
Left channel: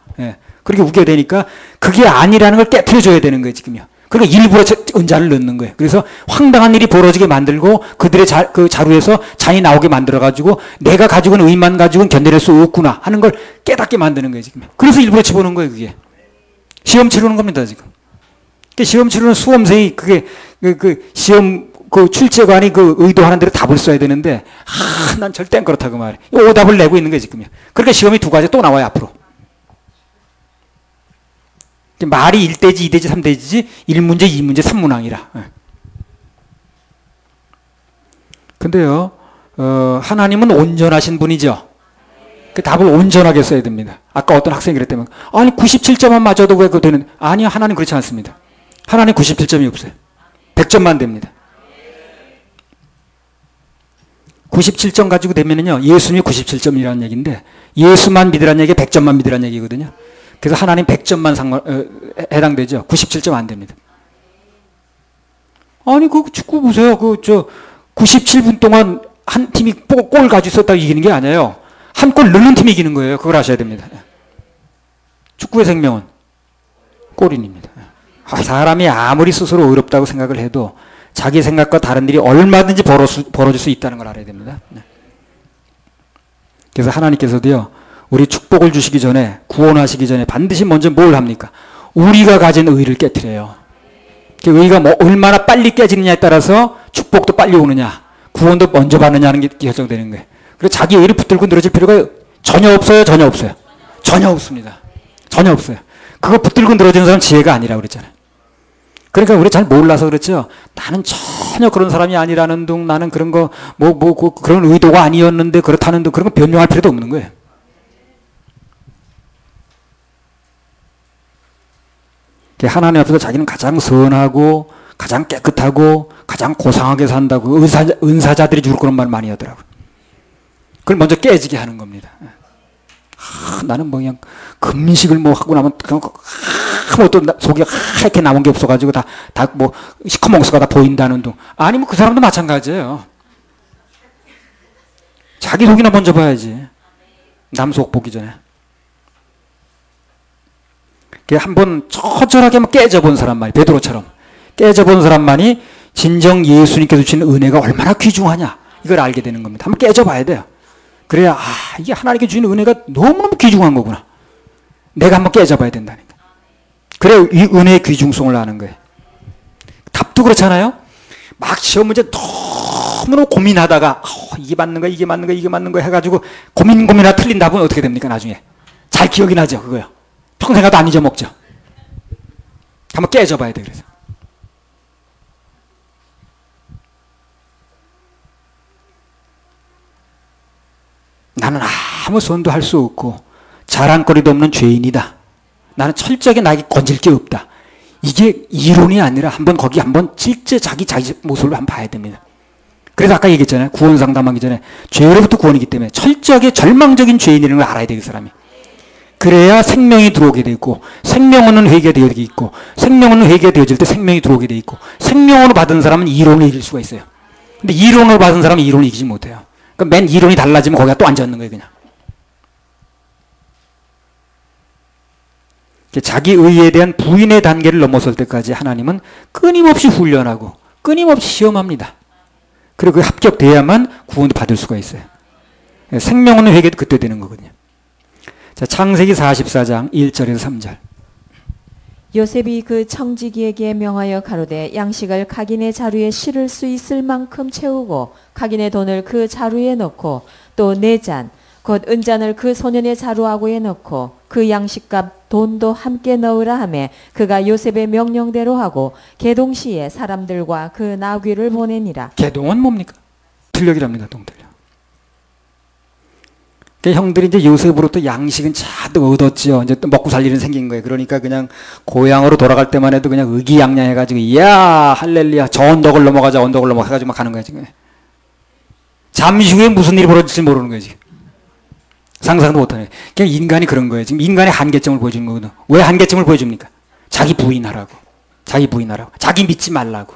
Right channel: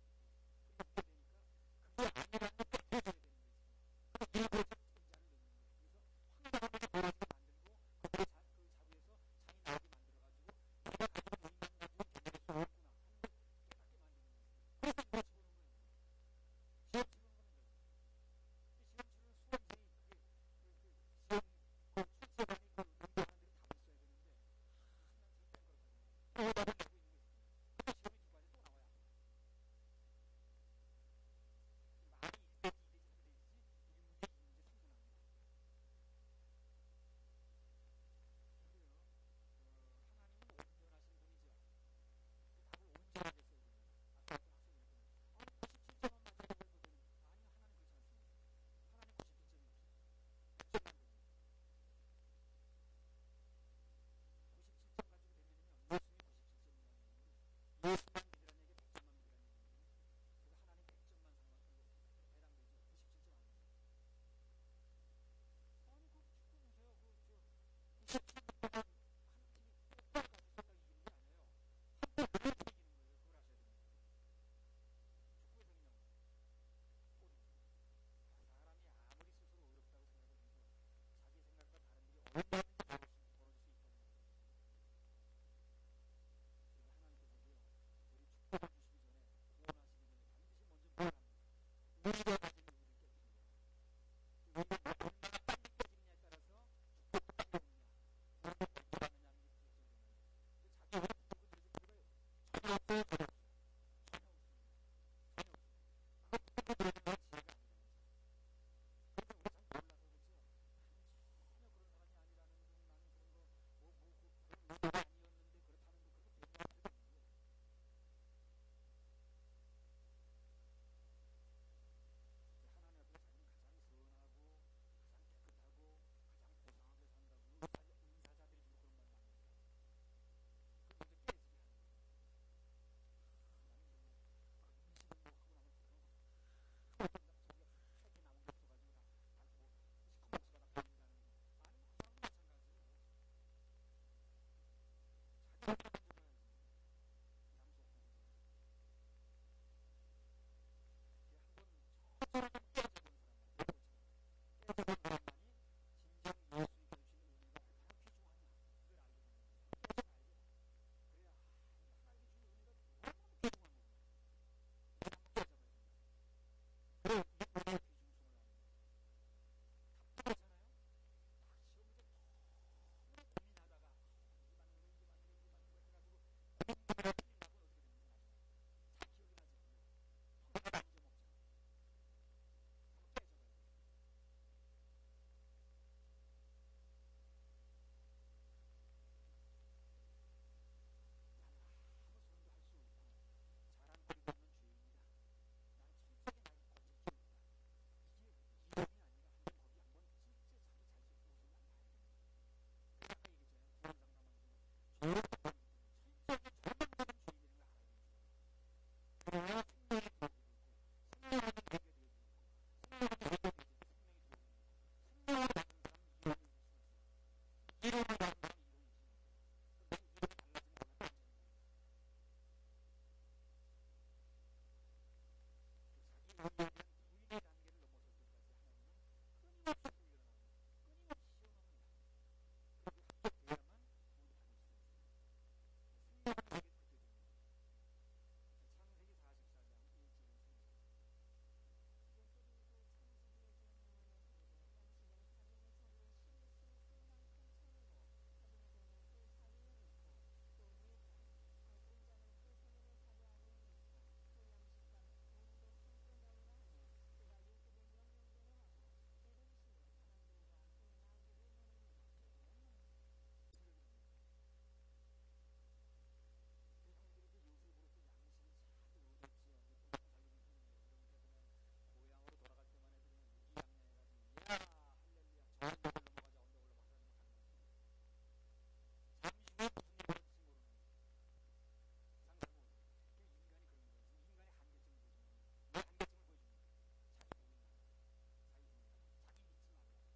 그렇게 우겨대니까 그게 아니라는 걸 깨트려줘야 되는 거예요. 지금요. 그러니까 일부러 은자를 넣는 거예요. 그래서 황당한 일이 벌어지게 만들고 그들의 그 자루에서 잔이 나오게 만들어가지고 내가 가지고 있는 의만 가지고는 견뎌낼 수 없구나 하는 걸 깨닫게 만드는 거예요. 지금. 그래서 일부러 집어넣은 거예요. 그게. 시험 치르는 겁니다. 지금. 시험 치르는 수험생이 그게 그 시험 그 출제관이 그 의도하는 대로 답을 써야 되는데 난 절대 안 그렇다고 말해. 오답을 내고 있는 거예요. 지금요. 그러니까 시험이 두 가지 또 나와요. 앞으로. 말이 1대지, 2대지, 3대지지 1문제, 2문제, 3문항이라. 근데요, 하나님은 온전하신 분이죠. 그 답을 온전하게 써야 됩니다. 아까 어떤 학생이 그랬다면, 아니, 97점만 맞아도 왜 그거 되는, 아니요, 하나님 그렇지 않습니다. 하나님 97점이 없어요. 100점만 됩니다. 97점 가지고 되면은요, 예수님이 97점이라는 얘기인데, 예수만 믿으라는 얘기가 100점만 믿으라는 얘기거든요. 그래서 하나님 100점만 해당되죠. 97점 안 됩니다. 아니, 그 축구 보세요. 97분 동안 한 팀이 골 가지고 있었다고 이기는 게 아니에요. 한 골 넣는 팀이 이기는 거예요. 그걸 아셔야 됩니다. 축구의 생명은 골인입니다. 사람이 아무리 스스로 의롭다고 생각을 해도 자기 생각과 다른 일이 얼마든지 벌어질 수 있다는 걸 알아야 됩니다. 그래서 하나님께서도요, 우리 축복을 주시기 전에, 구원하시기 전에 반드시 먼저 뭘 합니까? 우리가 가진 의를 깨트려요. 그 의가 뭐 얼마나 빨리 깨지느냐에 따라서 축복도 빨리 오느냐, 구원도 먼저 받느냐는 게 결정되는 거예요. 그래서 자기 의를 붙들고 늘어질 필요가 전혀 없어요? 전혀 없어요? 전혀 없습니다. 전혀 없어요. 그거 붙들고 늘어지는 사람은 지혜가 아니라고 그랬잖아요. 그러니까 우리 잘 몰라서 그렇죠. 나는 전혀 그런 사람이 아니라는 둥, 나는 그런 거, 그런 의도가 아니었는데 그렇다는 둥, 그런 거 변명할 필요도 없는 거예요. 하나님 앞에서 자기는 가장 선하고, 가장 깨끗하고, 가장 고상하게 산다고 은사자들이 주로 그런 말 많이 하더라고요. 그걸 먼저 깨지게 하는 겁니다. 나는 뭐 그냥 금식을 뭐 하고 나면 그냥 아무것도 속에 하얗게 남은 게 없어가지고 다 뭐 시커먼 다 보인다는 둥. 아니 뭐 그 사람도 마찬가지예요. 자기 속이나 먼저 봐야지. 남 속 보기 전에. 한번 처절하게 깨져본 사람만이, 베드로처럼 깨져본 사람만이 진정 예수님께서 주시는 은혜가 얼마나 귀중하냐 이걸 알게 되는 겁니다. 한번 깨져봐야 돼요. 그래야 이게 하나님께 주시는 은혜가 너무너무 귀중한 거구나. 내가 한번 깨져봐야 된다니까. 그래야 이 은혜의 귀중성을 아는 거예요. 답도 그렇잖아요. 막 시험 문제 너무너무 고민하다가 이게 맞는 거야, 이게 맞는 거야, 이게 맞는 거야 해가지고 고민하다 틀린 답은 어떻게 됩니까? 나중에 잘 기억이 나죠. 그거요. 평생 가도 안 잊어먹죠. 한번 깨져봐야 돼. 그래서 나는 아무 선도 할 수 없고 자랑거리도 없는 죄인이다. 나는 철저하게 나에게 건질 게 없다. 이게 이론이 아니라 거기 한번 실제 자기 모습을 한번 봐야 됩니다. 그래서 아까 얘기했잖아요. 구원 상담하기 전에 죄로부터 구원이기 때문에 철저하게 절망적인 죄인이라는 걸 알아야 돼요. 그 사람이. 그래야 생명이 들어오게 돼 있고, 생명은 회개가 되어 있고, 생명은 회개가 되어질 때 생명이 들어오게 돼 있고, 생명으로 받은 사람은 이론을 이길 수가 있어요. 근데 이론으로 받은 사람은 이론을 이기지 못해요. 그러니까 맨 이론이 달라지면 거기가 또 앉아있는 거예요. 그냥. 자기 의에 대한 부인의 단계를 넘어설 때까지 하나님은 끊임없이 훈련하고 끊임없이 시험합니다. 그리고 그 합격돼야만 구원도 받을 수가 있어요. 생명은 회개도 그때 되는 거거든요. 자, 창세기 44장 1절에서 3절. 요셉이 그 청지기에게 명하여 가로되 양식을 각인의 자루에 실을 수 있을 만큼 채우고 각인의 돈을 그 자루에 넣고 또 네 잔 곧 은잔을 그 소년의 자루아구에 넣고 그 양식값 돈도 함께 넣으라 하매 그가 요셉의 명령대로 하고 계동시에 사람들과 그 나귀를 보내니라. 계동은 뭡니까? 틀력이랍니다. 동틀력. 형들이 이제 요셉으로부터 양식은 잔뜩 얻었지요. 이제 또 먹고 살 일은 생긴 거예요. 그러니까 그냥 고향으로 돌아갈 때만 해도 그냥 의기양양해가지고, 이야, 할렐루야, 저 언덕을 넘어가자, 언덕을 넘어가 해가지고 막 가는 거야, 지금. 잠시 후에 무슨 일이 벌어질지 모르는 거예요, 지금. 상상도 못하네. 그냥 인간이 그런 거예요. 지금 인간의 한계점을 보여주는 거거든. 왜 한계점을 보여줍니까? 자기 부인하라고. 자기 부인하라고. 자기 믿지 말라고.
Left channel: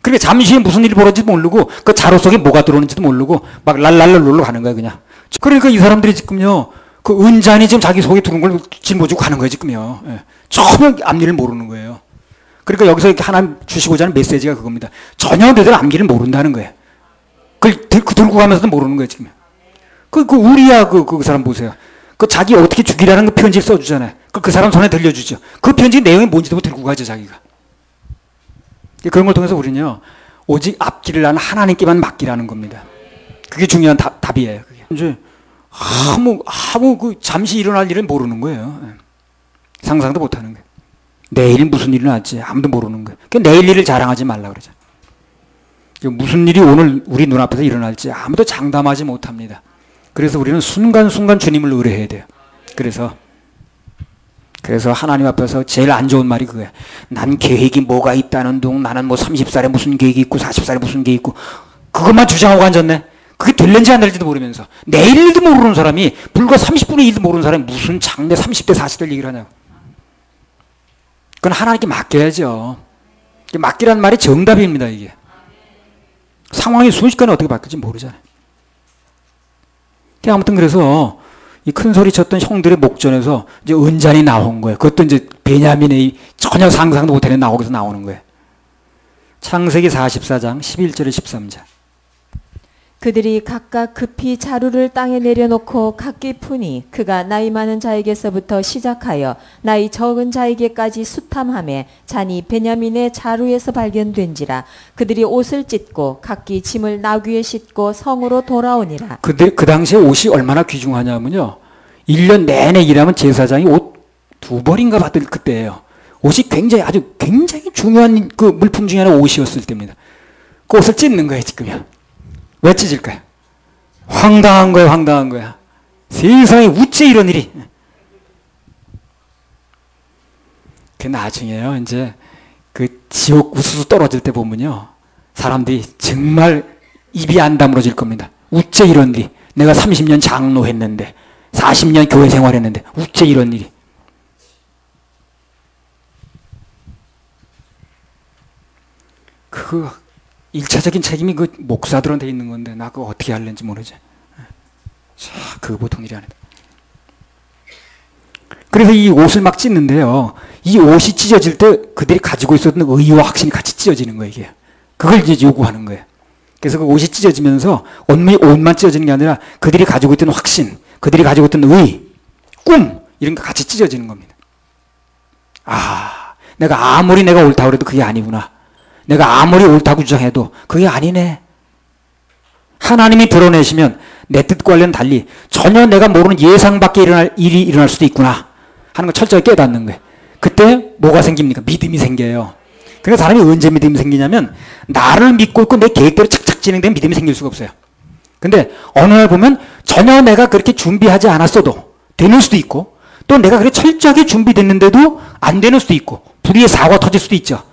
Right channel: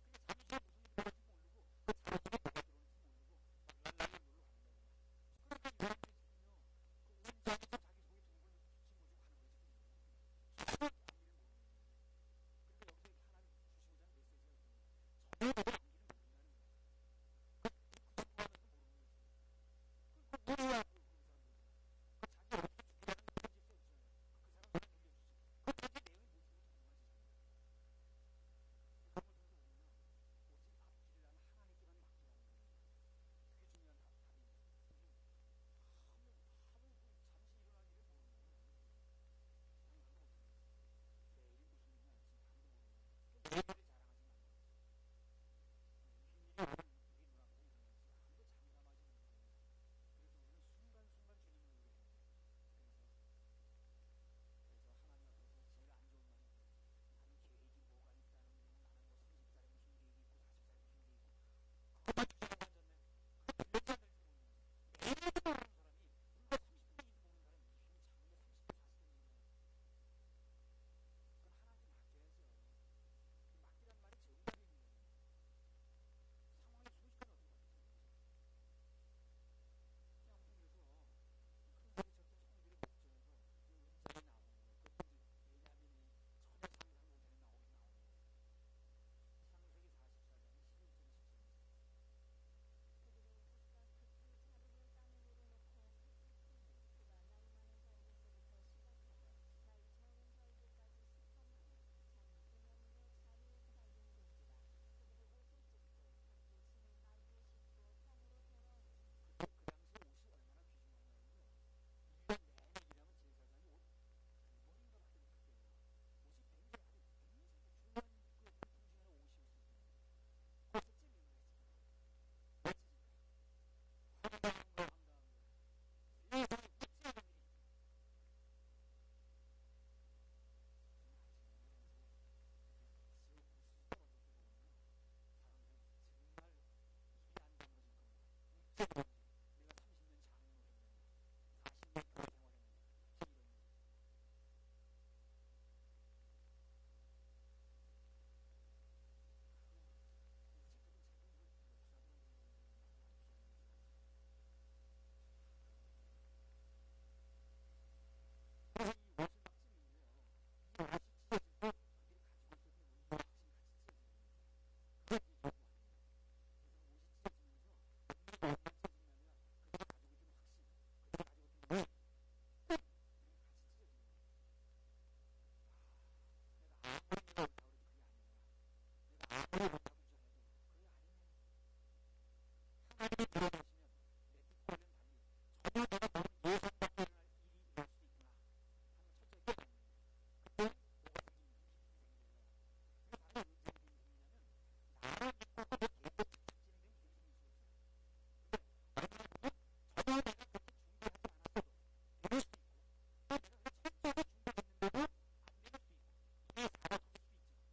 그러니까 잠시 후에 무슨 일이 벌어질지도 모르고, 그 자루 속에 뭐가 들어오는지도 모르고, 막 랄랄랄 놀러 가는 거야, 그냥. 그러니까 이 사람들이 지금요, 그 은잔이 지금 자기 속에 들어온 걸 짊어지고 가는 거예요, 지금요. 예. 전혀 앞일을 모르는 거예요. 그러니까 여기서 이렇게 하나님 주시고자 하는 메시지가 그겁니다. 전혀 너희들 앞일을 모른다는 거예요. 그걸 들고 가면서도 모르는 거예요, 지금. 그 우리야, 그 사람 보세요. 그 자기 어떻게 죽이라는 그 편지를 써주잖아요. 그 사람 손에 들려주죠. 그 편지 내용이 뭔지도 들고 가죠, 자기가. 그런 걸 통해서 우리는요, 오직 앞길을 나는 하나님께만 맡기라는 겁니다. 그게 중요한 답이에요. 그게. 이제 잠시 일어날 일은 모르는 거예요. 상상도 못 하는 거예요. 내일 무슨 일이 날지 아무도 모르는 거예요. 내일 일을 자랑하지 말라고 그러죠. 무슨 일이 오늘 우리 눈앞에서 일어날지 아무도 장담하지 못합니다. 그래서 우리는 순간순간 주님을 의뢰해야 돼요. 그래서 하나님 앞에서 제일 안 좋은 말이 그거예요. 난 계획이 뭐가 있다는 둥, 나는 뭐 30살에 무슨 계획이 있고 40살에 무슨 계획이 있고, 그것만 주장하고 앉았네. 그게 될는지 안 될지도 모르면서 내일 일도 모르는 사람이, 불과 30분의 1도 모르는 사람이 무슨 장래 30대 40대 얘기를 하냐고. 그건 하나님께 맡겨야죠. 맡기란 말이 정답입니다. 이게 상황이 순식간에 어떻게 바뀔지 모르잖아요. 아무튼 그래서 이 큰 소리 쳤던 형들의 목전에서 이제 은잔이 나온 거예요. 그것도 이제 베냐민의 전혀 상상도 못하는 나오기서 나오는 거예요. 창세기 44장 11절에 13절. 그들이 각각 급히 자루를 땅에 내려놓고 각기 푸니 그가 나이 많은 자에게서부터 시작하여 나이 적은 자에게까지 수탐하매 잔이 베냐민의 자루에서 발견된지라. 그들이 옷을 찢고 각기 짐을 나귀에 싣고 성으로 돌아오니라. 그 당시에 옷이 얼마나 귀중하냐면요. 1년 내내 일하면 제사장이 옷 2벌인가 받을 그때예요. 옷이 굉장히 중요한 그 물품 중에 하나 옷이었을 때입니다. 그 옷을 찢는 거예요, 지금요. 왜 찢을까요? 황당한 거예요, 황당한 거야. 세상에 어째 이런 일이. 그 나중에요, 이제 그 지옥 우수수 떨어질 때 보면요. 사람들이 정말 입이 안 다물어질 겁니다. 어째 이런 일이. 내가 30년 장로했는데, 40년 교회 생활했는데, 어째 이런 일이. 그 1차적인 책임이 그 목사들한테 있는 건데 나 그거 어떻게 할는지 모르지. 자, 그거 보통 일이 아니다. 그래서 이 옷을 막 찢는데요. 이 옷이 찢어질 때 그들이 가지고 있었던 의와 확신이 같이 찢어지는 거예요, 이게. 그걸 이제 요구하는 거예요. 그래서 그 옷이 찢어지면서 옷만 찢어지는 게 아니라 그들이 가지고 있던 확신, 그들이 가지고 있던 의, 꿈 이런 게 같이 찢어지는 겁니다. 아, 내가 아무리 내가 옳다고 해도 그게 아니구나. 내가 아무리 옳다고 주장해도 그게 아니네. 하나님이 드러내시면 내 뜻과는 달리 전혀 내가 모르는 예상 밖에 일어날 일이 일어날 수도 있구나 하는 걸 철저히 깨닫는 거예요. 그때 뭐가 생깁니까? 믿음이 생겨요. 그러니까 사람이 언제 믿음이 생기냐면 나를 믿고 있고 내 계획대로 착착 진행되면 믿음이 생길 수가 없어요. 근데 어느 날 보면 전혀 내가 그렇게 준비하지 않았어도 되는 수도 있고 또 내가 그렇게 철저하게 준비됐는데도 안 되는 수도 있고 불의의 사고가 터질 수도 있죠.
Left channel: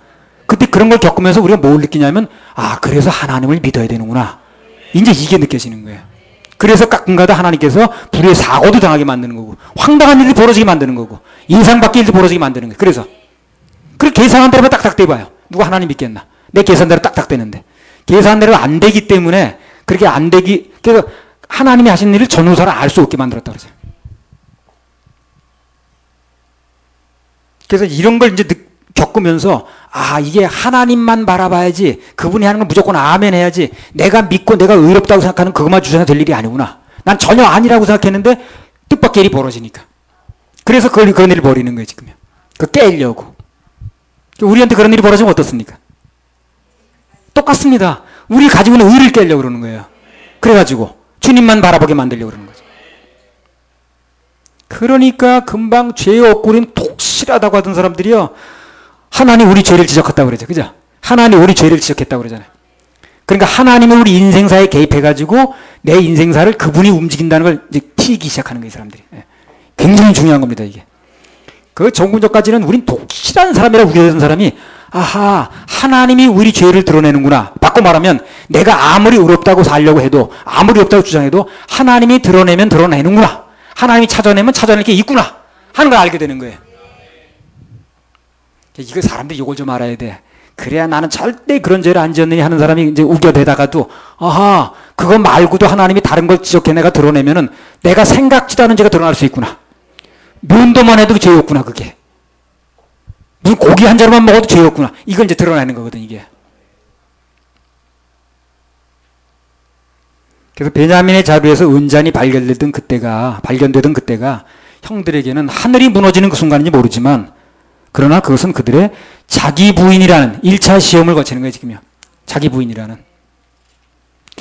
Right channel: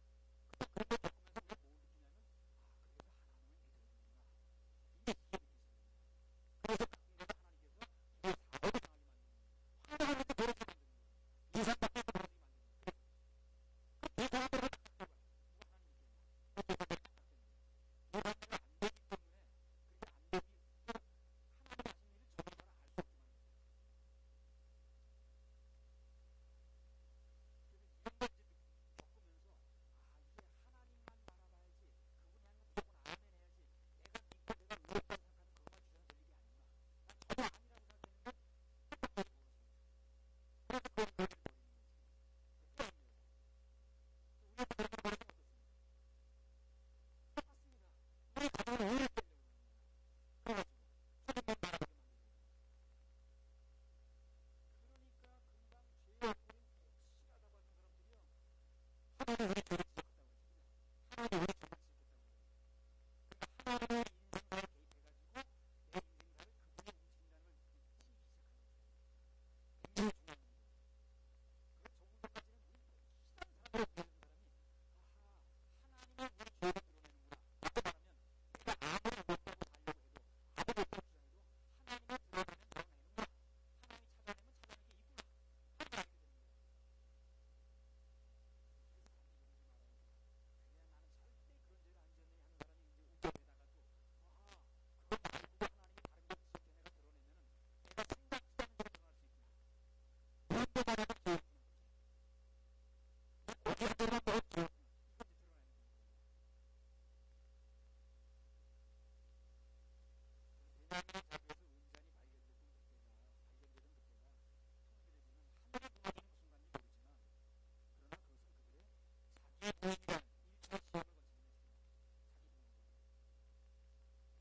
그때 그런 걸 겪으면서 우리가 뭘 느끼냐면 아, 그래서 하나님을 믿어야 되는구나. 이제 이게 느껴지는 거예요. 그래서 가끔가다 하나님께서 불의의 사고도 당하게 만드는 거고 황당한 일이 벌어지게 만드는 거고 예상 밖의 일도 벌어지게 만드는 거예요. 그래서 그렇게 계산한 대로 딱딱 돼봐요. 누가 하나님 믿겠나. 내 계산대로 딱딱 되는데 계산한 대로 안 되기 때문에 그렇게 안 되기 그래서 하나님이 하신 일을 전후사를 알 수 없게 만들었다 그러죠. 그래서 이런 걸 이제 겪으면서 아, 이게 하나님만 바라봐야지 그분이 하는 걸 무조건 아멘 해야지 내가 믿고 내가 의롭다고 생각하는 그것만 주장해 될 일이 아니구나. 난 전혀 아니라고 생각했는데 뜻밖의 일이 벌어지니까. 그래서 그런 일을 벌이는 거예요, 지금요. 그 깨려고. 우리한테 그런 일이 벌어지면 어떻습니까? 똑같습니다. 우리 가지고 있는 의를 깨려고 그러는 거예요. 그래가지고 주님만 바라보게 만들려고 그러는 거죠. 그러니까 금방 죄 없고 우리는 독실하다고 하던 사람들이요. 하나님 우리 죄를 지적했다고 그러죠. 그죠? 하나님 우리 죄를 지적했다고 그러잖아요. 그러니까 하나님은 우리 인생사에 개입해가지고 내 인생사를 그분이 움직인다는 걸 이제 튀기 시작하는 거예요, 사람들이. 굉장히 중요한 겁니다, 이게. 그 정군적까지는 우린 독실한 사람이라고 우겨대던 사람이 아하, 하나님이 우리 죄를 드러내는구나. 바꿔 말하면 내가 아무리 의롭다고 살려고 해도 아무리 의롭다고 주장해도 하나님이 드러내면 드러내는구나. 하나님이 찾아내면 찾아낼 게 있구나 하는 걸 알게 되는 거예요. 이거 사람들이 이걸 좀 알아야 돼. 그래야 나는 절대 그런 죄를 안 지었느니 하는 사람이 이제 우겨대다가도 아하, 그거 말고도 하나님이 다른 걸 지적해 내가 드러내면은 내가 생각지도 않은 죄가 드러날 수 있구나. 면도만 해도 죄였구나, 그게. 무슨 고기 한 자루만 먹어도 죄였구나. 이걸 이제 드러내는 거거든, 이게. 그래서 베냐민의 자루에서 은잔이 발견되던 그때가 형들에게는 하늘이 무너지는 그 순간인지 모르지만 그러나 그것은 그들의 자기 부인이라는 1차 시험을 거치는 거예요, 지금요. 자기 부인이라는.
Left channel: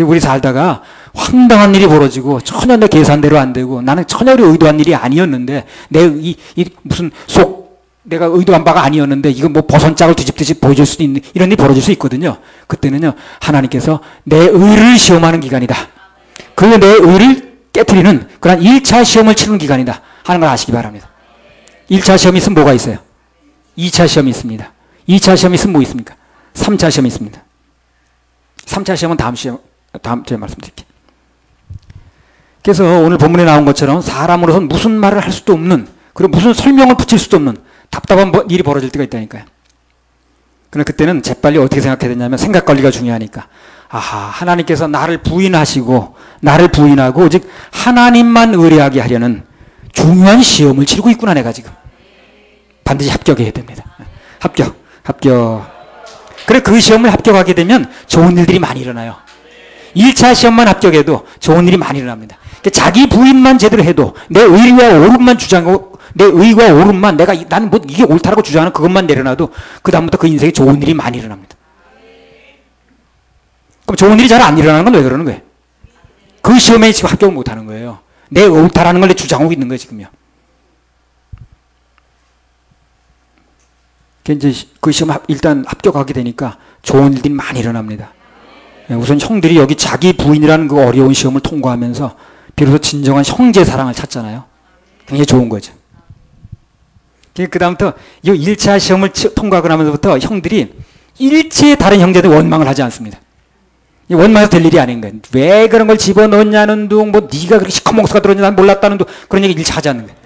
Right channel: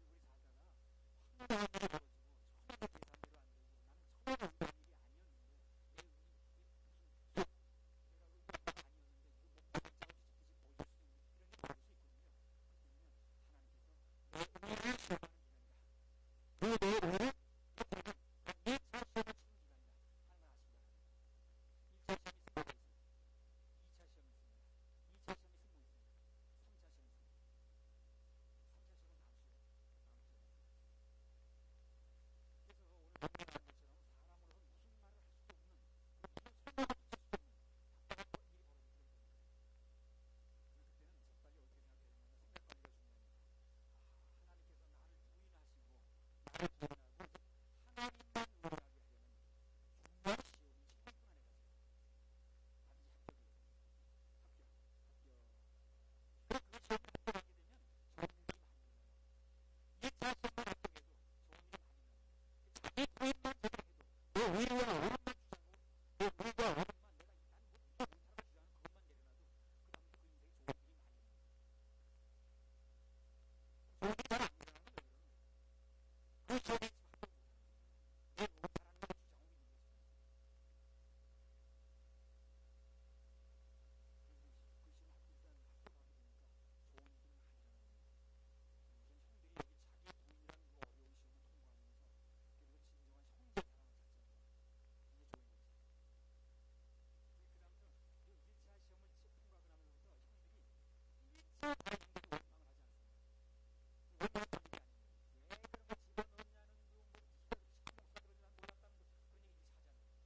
우리 살다가 황당한 일이 벌어지고 전혀 내 계산대로 안 되고 나는 전혀 의도한 일이 아니었는데 무슨 내가 의도한 바가 아니었는데 이거 뭐 버선짝을 뒤집듯이 보여줄 수도 있는 이런 일이 벌어질 수 있거든요. 그때는요, 하나님께서 내 의를 시험하는 기간이다. 그리고 내 의를 깨트리는 그런 1차 시험을 치는 기간이다 하는 걸 아시기 바랍니다. 1차 시험이 있으면 뭐가 있어요? 2차 시험이 있습니다. 2차 시험이 있으면 뭐 있습니까? 3차 시험이 있습니다. 3차 시험은 다음 주에 말씀드릴게요. 그래서 오늘 본문에 나온 것처럼 사람으로서는 무슨 말을 할 수도 없는 그리고 무슨 설명을 붙일 수도 없는 답답한 일이 벌어질 때가 있다니까요. 그러나 그때는 재빨리 어떻게 생각해야 되냐면 생각 관리가 중요하니까 아하, 하나님께서 나를 부인하고 오직 하나님만 의뢰하게 하려는 중요한 시험을 치르고 있구나 내가 지금. 반드시 합격해야 됩니다. 합격. 그래 그 시험을 합격하게 되면 좋은 일들이 많이 일어나요. 1차 시험만 합격해도 좋은 일이 많이 일어납니다. 그러니까 자기 부인만 제대로 해도 내 의리와 옳음만 주장하고 내 의와 옳음만 나는 뭐 이게 옳다라고 주장하는 그것만 내려놔도 그 다음부터 그 인생에 좋은 일이 많이 일어납니다. 그럼 좋은 일이 잘 안 일어나는 건 왜 그러는 거예요? 그 시험에 지금 합격을 못하는 거예요. 내 옳다라는 걸 주장하고 있는 거예요 지금요. 이제 그 시험 일단 합격하게 되니까 좋은 일들이 많이 일어납니다. 우선 형들이 여기 자기 부인이라는 그 어려운 시험을 통과하면서 비로소 진정한 형제 사랑을 찾잖아요. 굉장히 좋은 거죠. 그 다음부터 이 1차 시험을 통과하고 나면서부터 형들이 일체의 다른 형제들 원망을 하지 않습니다. 원망해서 될 일이 아닌 거예요. 왜 그런 걸 집어넣냐는 둥, 뭐 네가 그렇게 시커멓게 들었냐 난 몰랐다는 둥, 그런 얘기 일체 하지 않는 거예요.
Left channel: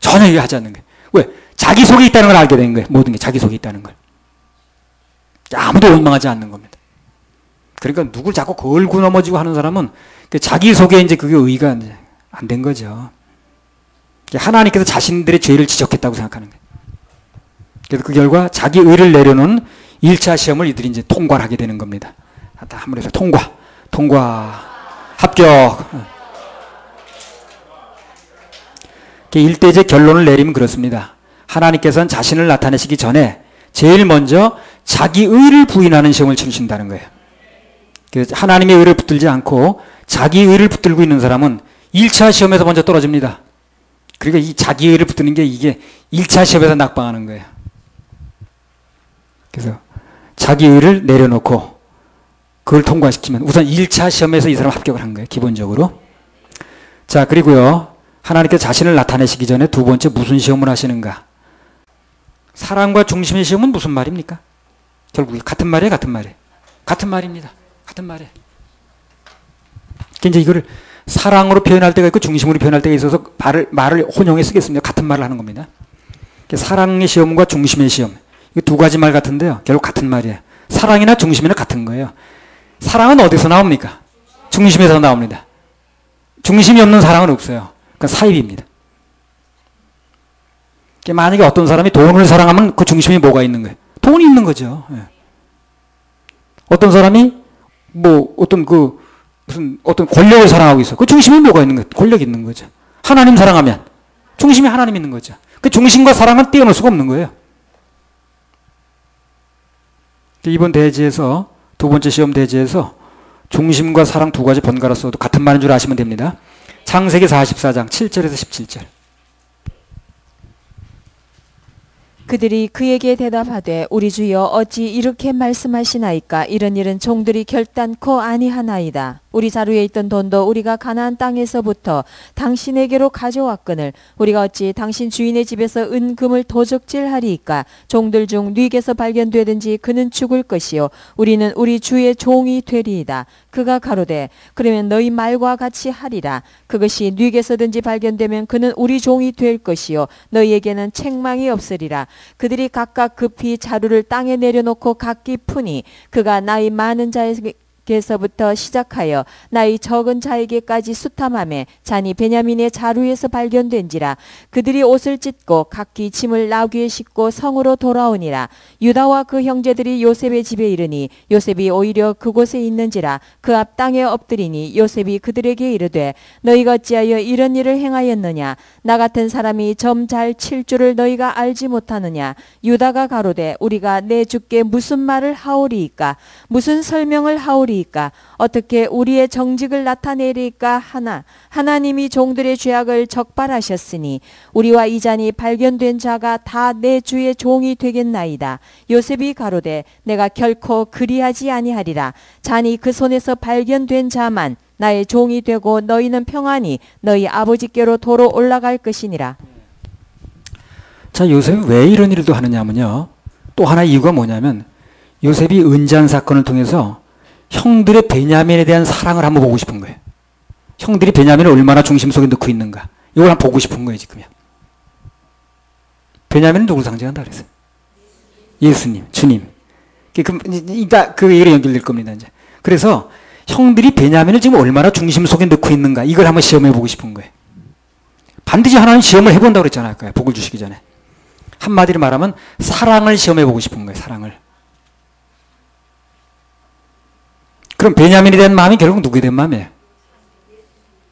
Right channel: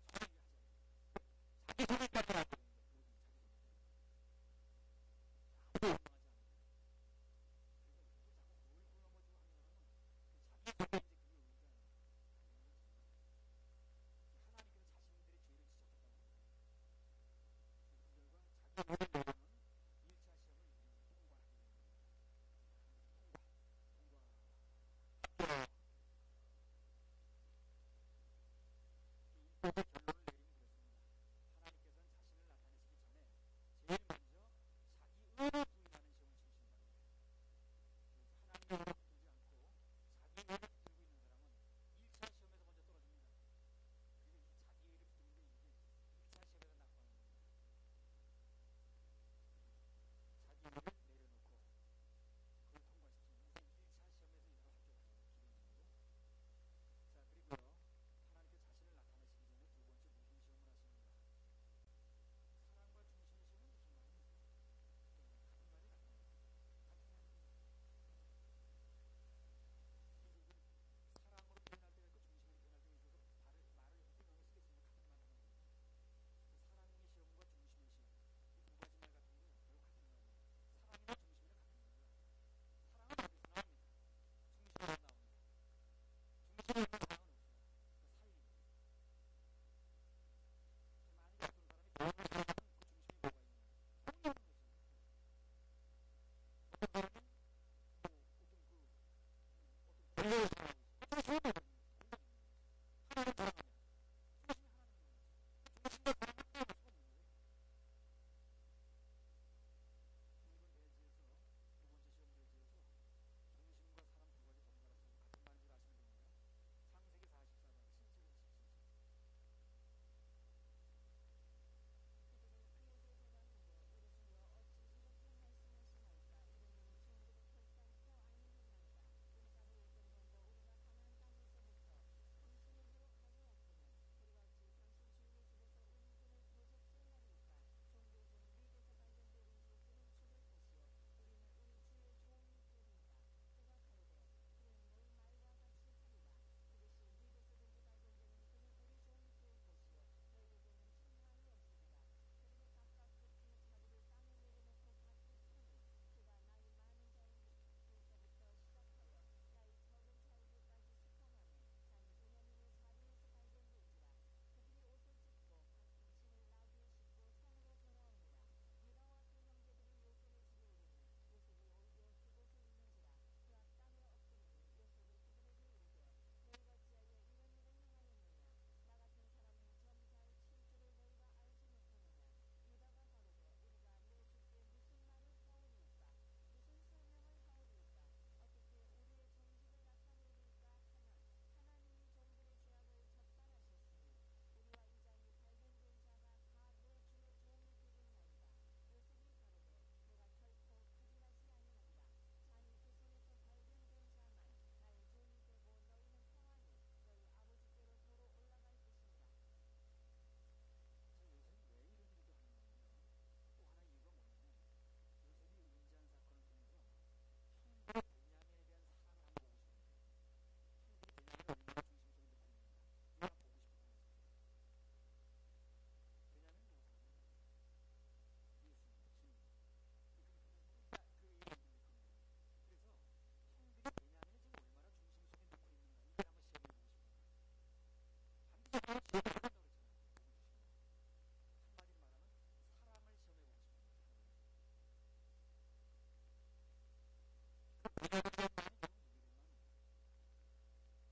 전혀 얘기하지 않는 거예요. 왜? 자기 속에 있다는 걸 알게 된 거예요. 모든 게 자기 속에 있다는 걸. 아무도 원망하지 않는 겁니다. 그러니까 누굴 자꾸 걸고 넘어지고 하는 사람은 자기 속에 이제 그게 의의가 안 된 거죠. 하나님께서 자신들의 죄를 지적했다고 생각하는 거예요. 그래서 그 결과 자기 의를 내려놓은 1차 시험을 이들이 이제 통과를 하게 되는 겁니다. 한번 해서 통과, 합격. 일대제 결론을 내리면 그렇습니다. 하나님께서는 자신을 나타내시기 전에 제일 먼저 자기 의를 부인하는 시험을 치르신다는 거예요. 그래서 하나님의 의를 붙들지 않고 자기 의를 붙들고 있는 사람은 1차 시험에서 먼저 떨어집니다. 그러니까 이 자기 의를 붙드는 게 이게 1차 시험에서 낙방하는 거예요. 그래서 자기 의를 내려놓고 그걸 통과시키면 우선 1차 시험에서 이 사람 합격을 한 거예요. 기본적으로. 자, 그리고요. 하나님께서 자신을 나타내시기 전에 두 번째 무슨 시험을 하시는가? 사랑과 중심의 시험은 무슨 말입니까? 결국 같은 말이에요, 같은 말이에요. 같은 말입니다. 같은 말이에요. 이제 이거를 사랑으로 표현할 때가 있고 중심으로 표현할 때가 있어서 말을 혼용해 쓰겠습니다. 같은 말을 하는 겁니다. 사랑의 시험과 중심의 시험. 이 두 가지 말 같은데요. 결국 같은 말이에요. 사랑이나 중심이나 같은 거예요. 사랑은 어디서 나옵니까? 중심에서 나옵니다. 중심이 없는 사랑은 없어요. 그러니까 사입입니다. 만약에 어떤 사람이 돈을 사랑하면 그 중심에 뭐가 있는 거예요? 돈이 있는 거죠. 예. 어떤 사람이 뭐 어떤 권력을 사랑하고 있어. 그 중심에 뭐가 있는 거예요? 권력이 있는 거죠. 하나님 사랑하면 중심에 하나님 있는 거죠. 그 중심과 사랑은 떼어놓을 수가 없는 거예요. 이번 대지에서 두 번째 시험 대지에서 중심과 사랑 두 가지 번갈아 써도 같은 말인 줄 아시면 됩니다. 창세기 44장 7절에서 17절. 그들이 그에게 대답하되 우리 주여 어찌 이렇게 말씀하시나이까? 이런 일은 종들이 결단코 아니하나이다. 우리 자루에 있던 돈도 우리가 가나안 땅에서부터 당신에게로 가져왔거늘 우리가 어찌 당신 주인의 집에서 은금을 도적질하리이까? 종들 중 뉘게서 발견되든지 그는 죽을 것이요 우리는 우리 주의 종이 되리이다. 그가 가로되 그러면 너희 말과 같이 하리라. 그것이 뉘게서든지 발견되면 그는 우리 종이 될 것이요 너희에게는 책망이 없으리라. 그들이 각각 급히 자루를 땅에 내려놓고 각기 푸니 그가 나이 많은 자에게서부터 시작하여 나이 적은 자에게까지 수탐하매 잔이 베냐민의 자루에서 발견된지라. 그들이 옷을 찢고 각기 짐을 나귀에 싣고 성으로 돌아오니라. 유다와 그 형제들이 요셉의 집에 이르니 요셉이 오히려 그곳에 있는지라. 그 앞 땅에 엎드리니 요셉이 그들에게 이르되 너희가 어찌하여 이런 일을 행하였느냐? 나 같은 사람이 점 잘 칠 줄을 너희가 알지 못하느냐? 유다가 가로되 우리가 내 주께 무슨 말을 하오리이까? 무슨 설명을 하오리이까? 어떻게 우리의 정직을 나타내리까 하나 하나님이 종들의 죄악을 적발하셨으니 우리와 이 잔이 발견된 자가 다 내 주의 종이 되겠나이다. 요셉이 가로되 내가 결코 그리하지 아니하리라. 잔이 그 손에서 발견된 자만 나의 종이 되고 너희는 평안히 너희 아버지께로 도로 올라갈 것이니라. 자, 요셉이 왜 이런 일도 하느냐면요. 또 하나 이유가 뭐냐면 요셉이 은잔 사건을 통해서 형들의 베냐민에 대한 사랑을 한번 보고 싶은 거예요. 형들이 베냐민을 얼마나 중심 속에 넣고 있는가. 이걸 한번 보고 싶은 거예요, 지금요. 베냐민은 누굴 상징한다 그랬어요? 예수님, 주님. 이따 그 얘기로 연결될 겁니다, 이제. 그래서 형들이 베냐민을 지금 얼마나 중심 속에 넣고 있는가. 이걸 한번 시험해 보고 싶은 거예요. 반드시 하나님 시험을 해본다고 그랬잖아요, 복을 주시기 전에. 한마디로 말하면 사랑을 시험해 보고 싶은 거예요, 사랑을. 그럼 베냐민에 대한 마음이 결국 누구에 대한 마음이에요?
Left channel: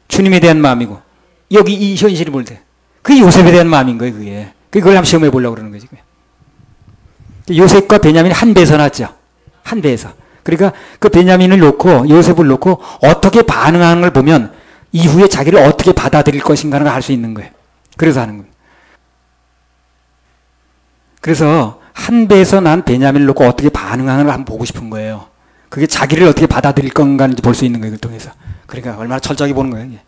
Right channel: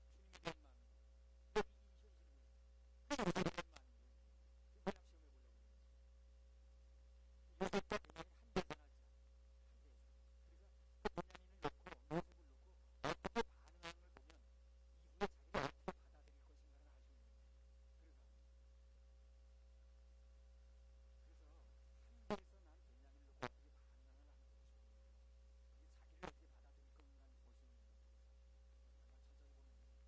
주님에 대한 마음이고 여기 이 현실이 볼 때 그게 요셉에 대한 마음인 거예요. 그게. 그걸 한번 시험해 보려고 그러는 거지. 요셉과 베냐민이 한 배에서 났죠. 한 배에서. 그러니까 그 베냐민을 놓고 요셉을 놓고 어떻게 반응하는 걸 보면 이후에 자기를 어떻게 받아들일 것인가를 알 수 있는 거예요. 그래서 하는 거예요. 그래서 한 배에서 난 베냐민을 놓고 어떻게 반응하는 걸 한번 보고 싶은 거예요. 그게 자기를 어떻게 받아들일 건가를 볼 수 있는 거예요. 그걸 통해서. 그러니까 얼마나 철저하게 보는 거예요. 이게.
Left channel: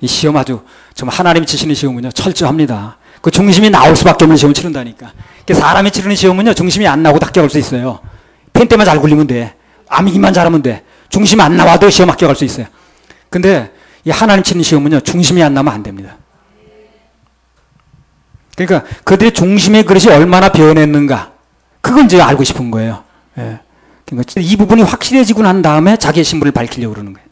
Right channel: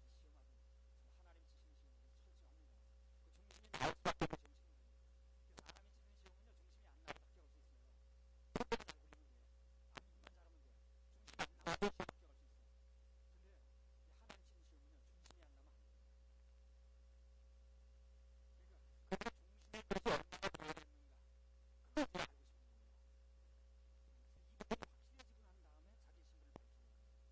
이 시험 아주 정말 하나님이 치시는 시험은요 철저합니다. 그 중심이 나올 수밖에 없는 시험을 치른다니까. 사람이 치르는 시험은요 중심이 안 나오고 합격할 수 있어요. 펜 때만 잘 굴리면 돼. 암기만 잘하면 돼. 중심이 안 나와도 시험 합격할 수 있어요. 근데 이 하나님 치는 시험은요 중심이 안 나면 안 됩니다. 그러니까 그들의 중심의 그릇이 얼마나 변했는가 그걸 이제 알고 싶은 거예요. 예. 그러니까 이 부분이 확실해지고 난 다음에 자기의 신분을 밝히려고 그러는 거예요.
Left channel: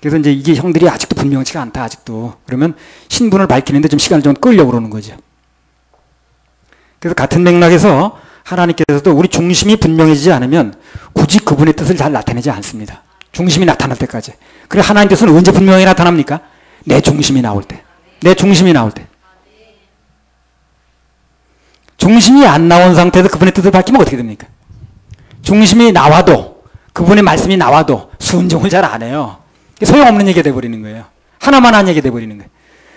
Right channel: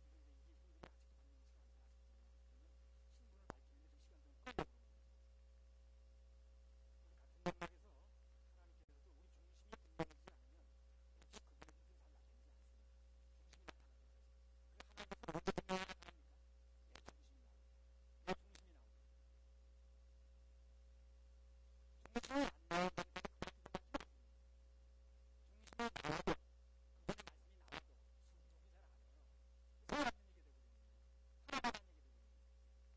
그래서 이제 이게 형들이 아직도 분명치가 않다 아직도 그러면 신분을 밝히는데 좀 시간을 좀 끌려고 그러는 거죠. 그래서 같은 맥락에서 하나님께서도 우리 중심이 분명해지지 않으면 굳이 그분의 뜻을 잘 나타내지 않습니다. 중심이 나타날 때까지. 그래 하나님 뜻은 언제 분명히 나타납니까? 내 중심이 나올 때. 내 중심이 나올 때. 중심이 안 나온 상태에서 그분의 뜻을 밝히면 어떻게 됩니까? 중심이 나와도 그분의 말씀이 나와도 순종을 잘 안 해요. 소용없는 얘기가 돼버리는 거예요. 하나만 한 얘기가 돼버리는 거예요.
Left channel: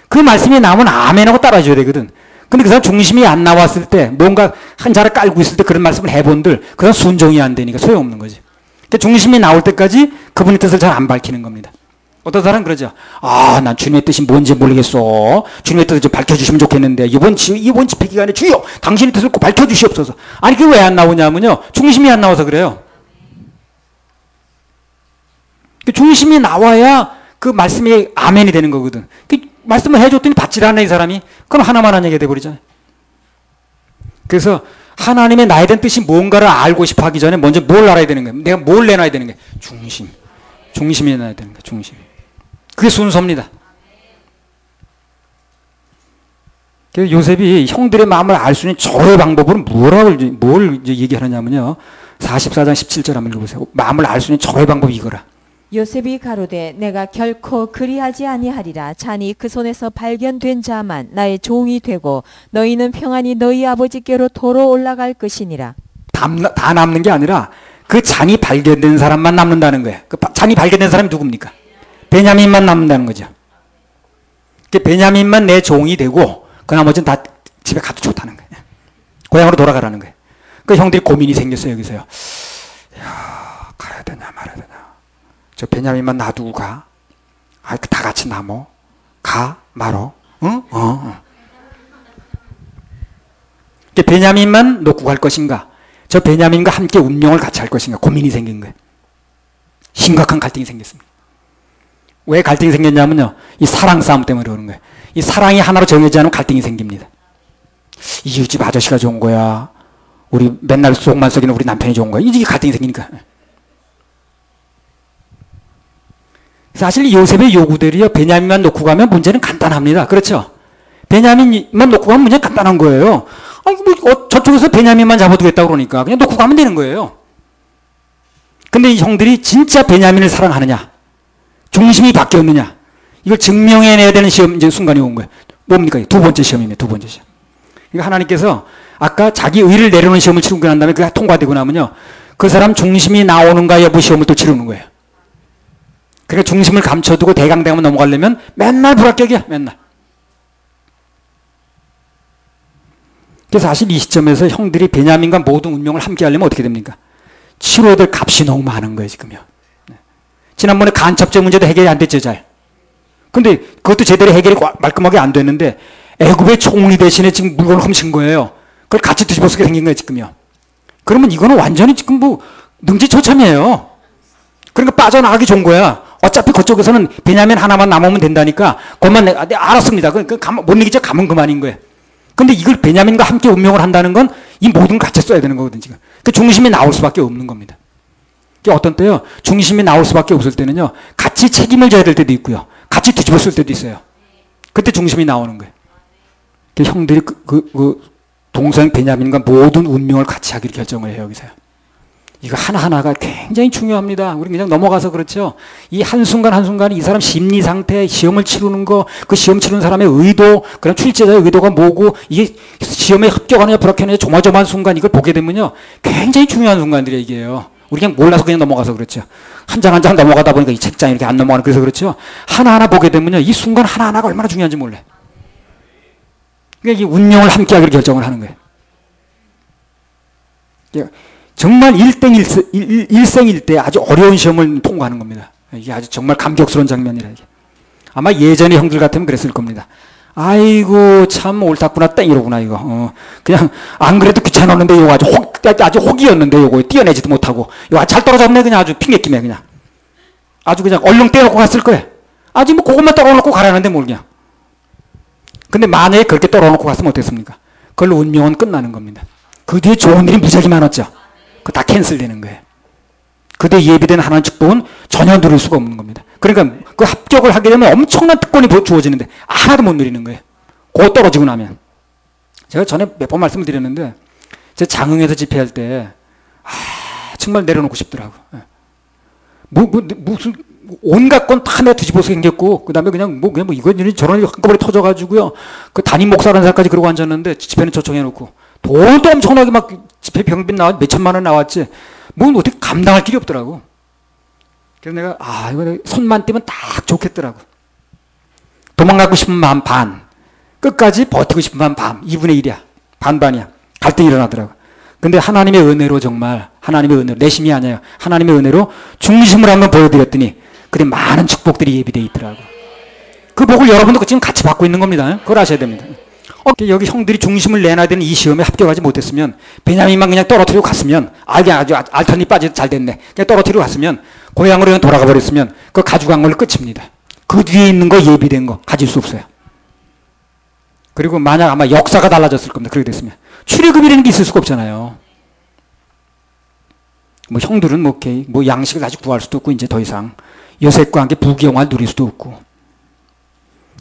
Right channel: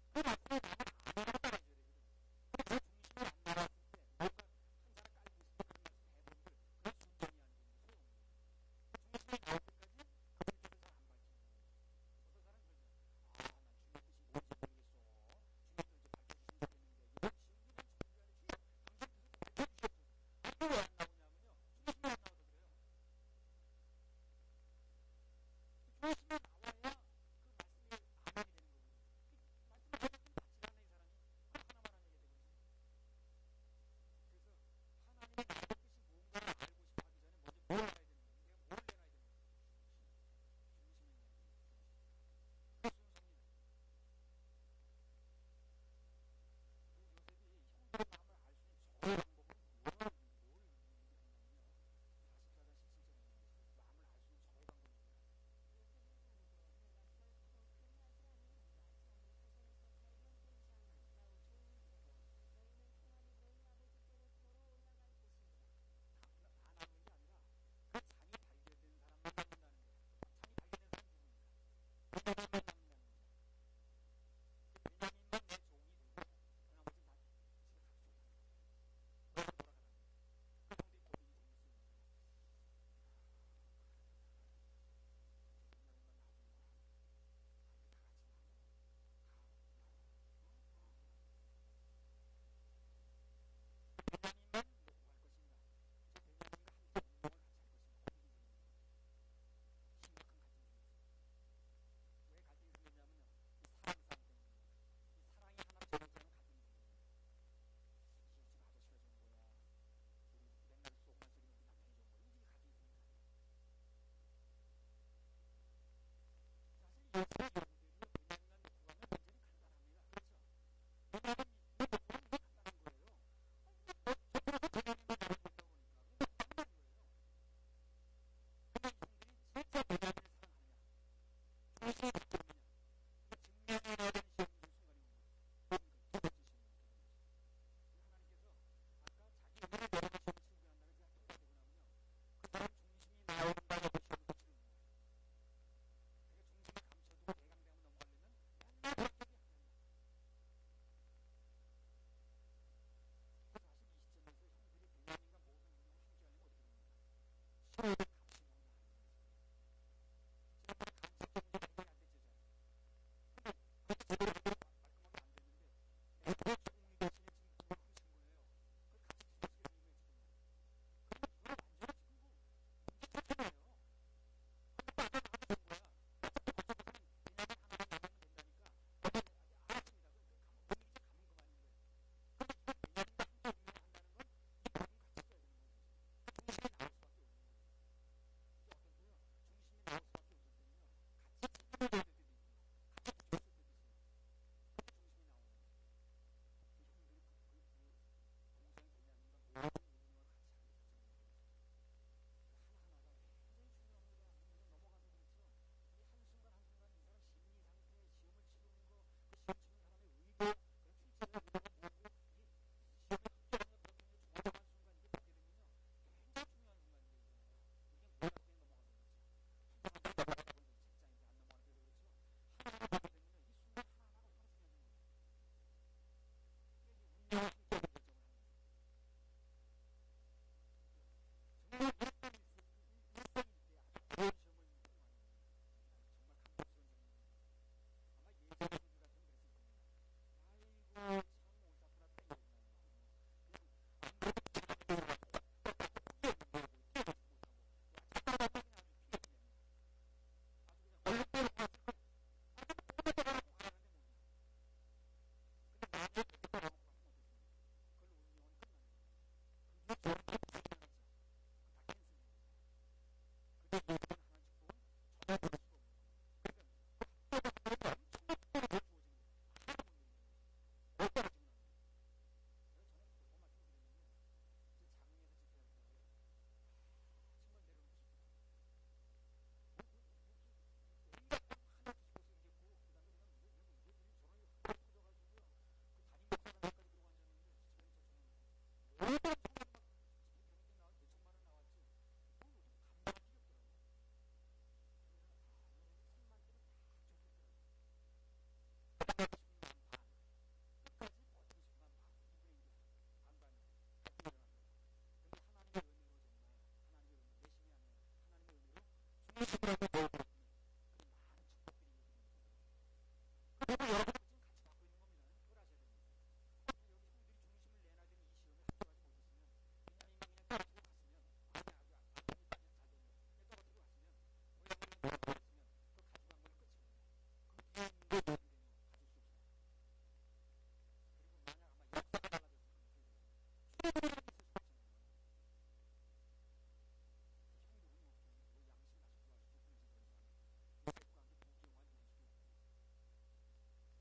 그 말씀이 나오면 아멘하고 따라줘야 되거든. 근데 그 사람 중심이 안 나왔을 때 뭔가 한 자를 깔고 있을 때 그런 말씀을 해본들 그 사람 순종이 안 되니까 소용없는 거지. 그러니까 중심이 나올 때까지 그분의 뜻을 잘 안 밝히는 겁니다. 어떤 사람은 그러죠. 아, 난 주님의 뜻이 뭔지 모르겠어. 주님의 뜻을 좀 밝혀주시면 좋겠는데 이번 집회 기간에 주여 당신의 뜻을 꼭 밝혀주시옵소서. 아니 그게 왜 안 나오냐면요. 중심이 안 나와서 그래요. 그 중심이 나와야 그 말씀이 아멘이 되는 거거든. 그 말씀을 해줬더니 받질 않네 이 사람이. 그럼 하나만 한 얘기가 돼버리잖아요. 그래서 하나님의 나에 대한 뜻이 뭔가를 알고 싶어 하기 전에 먼저 뭘 알아야 되는 거예요. 내가 뭘 내놔야 되는 거예요. 중심. 중심이 내놔야 되는 거예요. 중심. 그게 순서입니다. 그래서 요셉이 형들의 마음을 알 수 있는 절호의 방법은 뭘 얘기하느냐면요. 44장 17절 한번 읽어보세요. 마음을 알 수 있는 절호의 방법이 이거라. 요셉이 가로되 내가 결코 그리하지 아니하리라. 자니 그 손에서 발견된 자만 나의 종이 되고 너희는 평안히 너희 아버지께로 도로 올라갈 것이니라. 다 남는 게 아니라 그 잔이 발견된 사람만 남는다는 거예요. 그 잔이 발견된 사람이 누굽니까? 베냐민만 남는다는 거죠. 그 베냐민만 내 종이 되고 그 나머지는 다 집에 가도 좋다는 거예요. 고향으로 돌아가라는 거예요. 그 형들이 고민이 생겼어요. 여기서요. 야, 가야 되냐 말아야 되냐. 저 베냐민만 놔두고 가. 아, 다 같이 남어. 가 말어. 응? 베냐민만 놓고 갈 것인가? 저 베냐민과 함께 운명을 같이 할 것인가? 고민이 생긴 거예요. 심각한 갈등이 생겼습니다. 왜 갈등이 생겼냐면요. 이 사랑 싸움 때문에 그러는 거예요. 이 사랑이 하나로 정해지지 않으면 갈등이 생깁니다. 이웃집 아저씨가 좋은 거야. 우리 맨날 속만 썩이는 우리 남편이 좋은 거야. 이게 갈등이 생기니까. 사실 요셉의 요구들이요. 베냐민만 놓고 가면 문제는 간단합니다. 그렇죠? 베냐민만 놓고 가면 문제는 간단한 거예요. 아니, 저쪽에서 베냐민만 잡아두겠다고 그러니까 그냥 놓고 가면 되는 거예요. 근데 이 형들이 진짜 베냐민을 사랑하느냐? 중심이 바뀌었느냐? 이걸 증명해내야 되는 시험, 이제 순간이 온 거예요. 뭡니까? 두 번째 시험이네, 두 번째 시험. 그러니까 하나님께서 아까 자기 의를 내려놓은 시험을 치르고 난 다음에 그게 통과되고 나면요. 그 사람 중심이 나오는가 여부 시험을 또 치르는 거예요. 그러니까 중심을 감춰두고 대강대강만 넘어가려면 맨날 불합격이야, 맨날. 그래서 사실 이 시점에서 형들이 베냐민과 모든 운명을 함께 하려면 어떻게 됩니까? 치러야 될 값이 너무 많은 거예요, 지금요. 지난번에 간첩죄 문제도 해결이 안 됐죠, 잘. 근데 그것도 제대로 해결이 말끔하게 안 됐는데 애굽의 총리 대신에 지금 물건을 훔친 거예요. 그걸 같이 뒤집어 쓰게 생긴 거예요, 지금요. 그러면 이거는 완전히 지금 뭐 능지처참이에요. 그러니까 빠져나가기 좋은 거야. 어차피 그쪽에서는 베냐민 하나만 남으면 된다니까 그것만 내가 알았습니다. 못 이기죠? 가면 그만인 거예요. 근데 이걸 베냐민과 함께 운명을 한다는 건 이 모든 걸 같이 써야 되는 거거든, 지금. 그 중심이 나올 수밖에 없는 겁니다. 어떤 때요, 중심이 나올 수밖에 없을 때는요, 같이 책임을 져야 될 때도 있고요, 같이 뒤집어 쓸 때도 있어요. 그때 중심이 나오는 거예요. 형들이 동생 베냐민과 모든 운명을 같이 하기로 결정을 해요, 여기서요. 이거 하나하나가 굉장히 중요합니다. 우리 그냥 넘어가서 그렇죠. 이 한순간 한순간이 이 사람 심리 상태, 시험을 치르는 거, 그 시험 치르는 사람의 의도, 그럼 출제자의 의도가 뭐고, 이게 시험에 합격하느냐, 불합격하느냐, 조마조마한 순간 이걸 보게 되면요. 굉장히 중요한 순간들이에요, 이게요. 우리 그냥 몰라서 그냥 넘어가서 그렇죠. 한 장 한 장 넘어가다 보니까 이 책장이 이렇게 안 넘어가는 그래서 그렇죠. 하나하나 보게 되면요. 이 순간 하나하나가 얼마나 중요한지 몰라요. 그러니까 이 운명을 함께하기로 결정을 하는 거예요. 정말 일생일대 아주 어려운 시험을 통과하는 겁니다. 이게 아주 정말 감격스러운 장면이라 이게. 아마 예전에 형들 같으면 그랬을 겁니다. 아이고 참 옳았구나 땡 이러구나 이거. 그냥 안 그래도 귀찮았는데 이거 아주 혹이었는데 이거 띄어내지도 못하고 이거 잘 떨어졌네 그냥 아주 핑계김에 그냥 아주 그냥 얼른 떼어놓고 갔을 거예요. 아직 뭐 그것만 떨어놓고 가라는데 뭘 그냥. 근데 만약에 그렇게 떨어놓고 갔으면 어땠습니까? 그걸로 운명은 끝나는 겁니다. 그 뒤에 좋은 일이 무지하게 많았죠. 그거 다 캔슬되는 거예요. 그때 예비된 하나님의 축복은 전혀 누릴 수가 없는 겁니다. 그러니까 그 합격을 하게 되면 엄청난 특권이 주어지는데 하나도 못 누리는 거예요. 그거 떨어지고 나면. 제가 전에 몇 번 말씀을 드렸는데 제 장흥에서 집회할 때 정말 내려놓고 싶더라고요. 무슨 온갖 건 다 내가 뒤집어서 생겼고 그 다음에 그냥 이건 저런 일이 한꺼번에 터져가지고요. 그 담임 목사라는 사람까지 그러고 앉았는데 집회는 초청해놓고 돈도 엄청나게 막 집회 병비 나왔 몇 천만 원 나왔지 뭐 어떻게 감당할 길이 없더라고. 그래서 내가 이거 손만 떼면 딱 좋겠더라고. 도망가고 싶은 마음 반, 끝까지 버티고 싶은 마음 반, 2분의 1이야. 반반이야. 갈등이 일어나더라고. 근데 하나님의 은혜로 정말 하나님의 은혜로 내 힘이 아니에요. 하나님의 은혜로 중심을 한번 보여드렸더니 그래 많은 축복들이 예비되어 있더라고. 그 복을 여러분도 지금 같이 받고 있는 겁니다. 그걸 아셔야 됩니다. 여기 형들이 중심을 내놔야 되는 이 시험에 합격하지 못했으면 베냐민만 그냥 떨어뜨리고 갔으면 그냥 아주 알턴이 빠져서 잘 됐네. 그냥 떨어뜨리고 갔으면 고향으로 그냥 돌아가 버렸으면 그거 가지고 간 걸로 끝입니다. 그 뒤에 있는 거 예비된 거 가질 수 없어요. 그리고 만약 아마 역사가 달라졌을 겁니다. 그렇게 됐으면 출애굽이라는 게 있을 수가 없잖아요. 뭐 형들은 뭐 양식을 다시 구할 수도 없고 이제 더 이상 여색과 함께 부귀영화를 누릴 수도 없고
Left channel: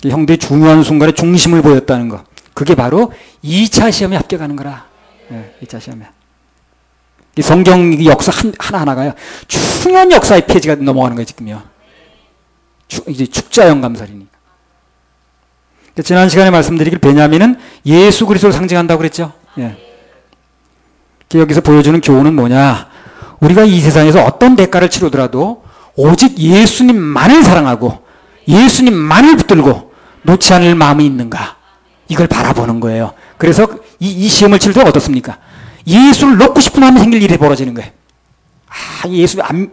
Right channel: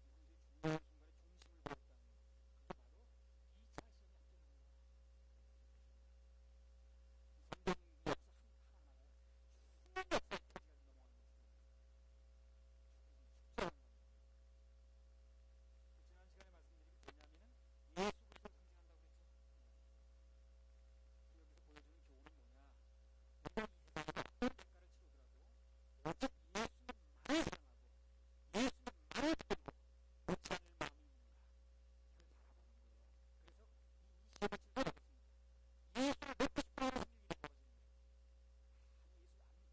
형들이 중요한 순간에 중심을 보였다는 거. 그게 바로 2차 시험에 합격하는 거라. 2차 시험에. 이 성경 역사 하나하나가요. 중요한 역사의 페이지가 넘어가는 거예요, 지금요. 이제 축자영 감살이니까. 지난 시간에 말씀드리길 베냐민은 예수 그리스도를 상징한다고 그랬죠. 여기서 보여주는 교훈은 뭐냐. 우리가 이 세상에서 어떤 대가를 치르더라도 오직 예수님만을 사랑하고 예수님만을 붙들고 놓지 않을 마음이 있는가. 이걸 바라보는 거예요. 그래서 이 시험을 치를 때 어떻습니까? 예수를 놓고 싶은 마음이 생길 일이 벌어지는 거예요.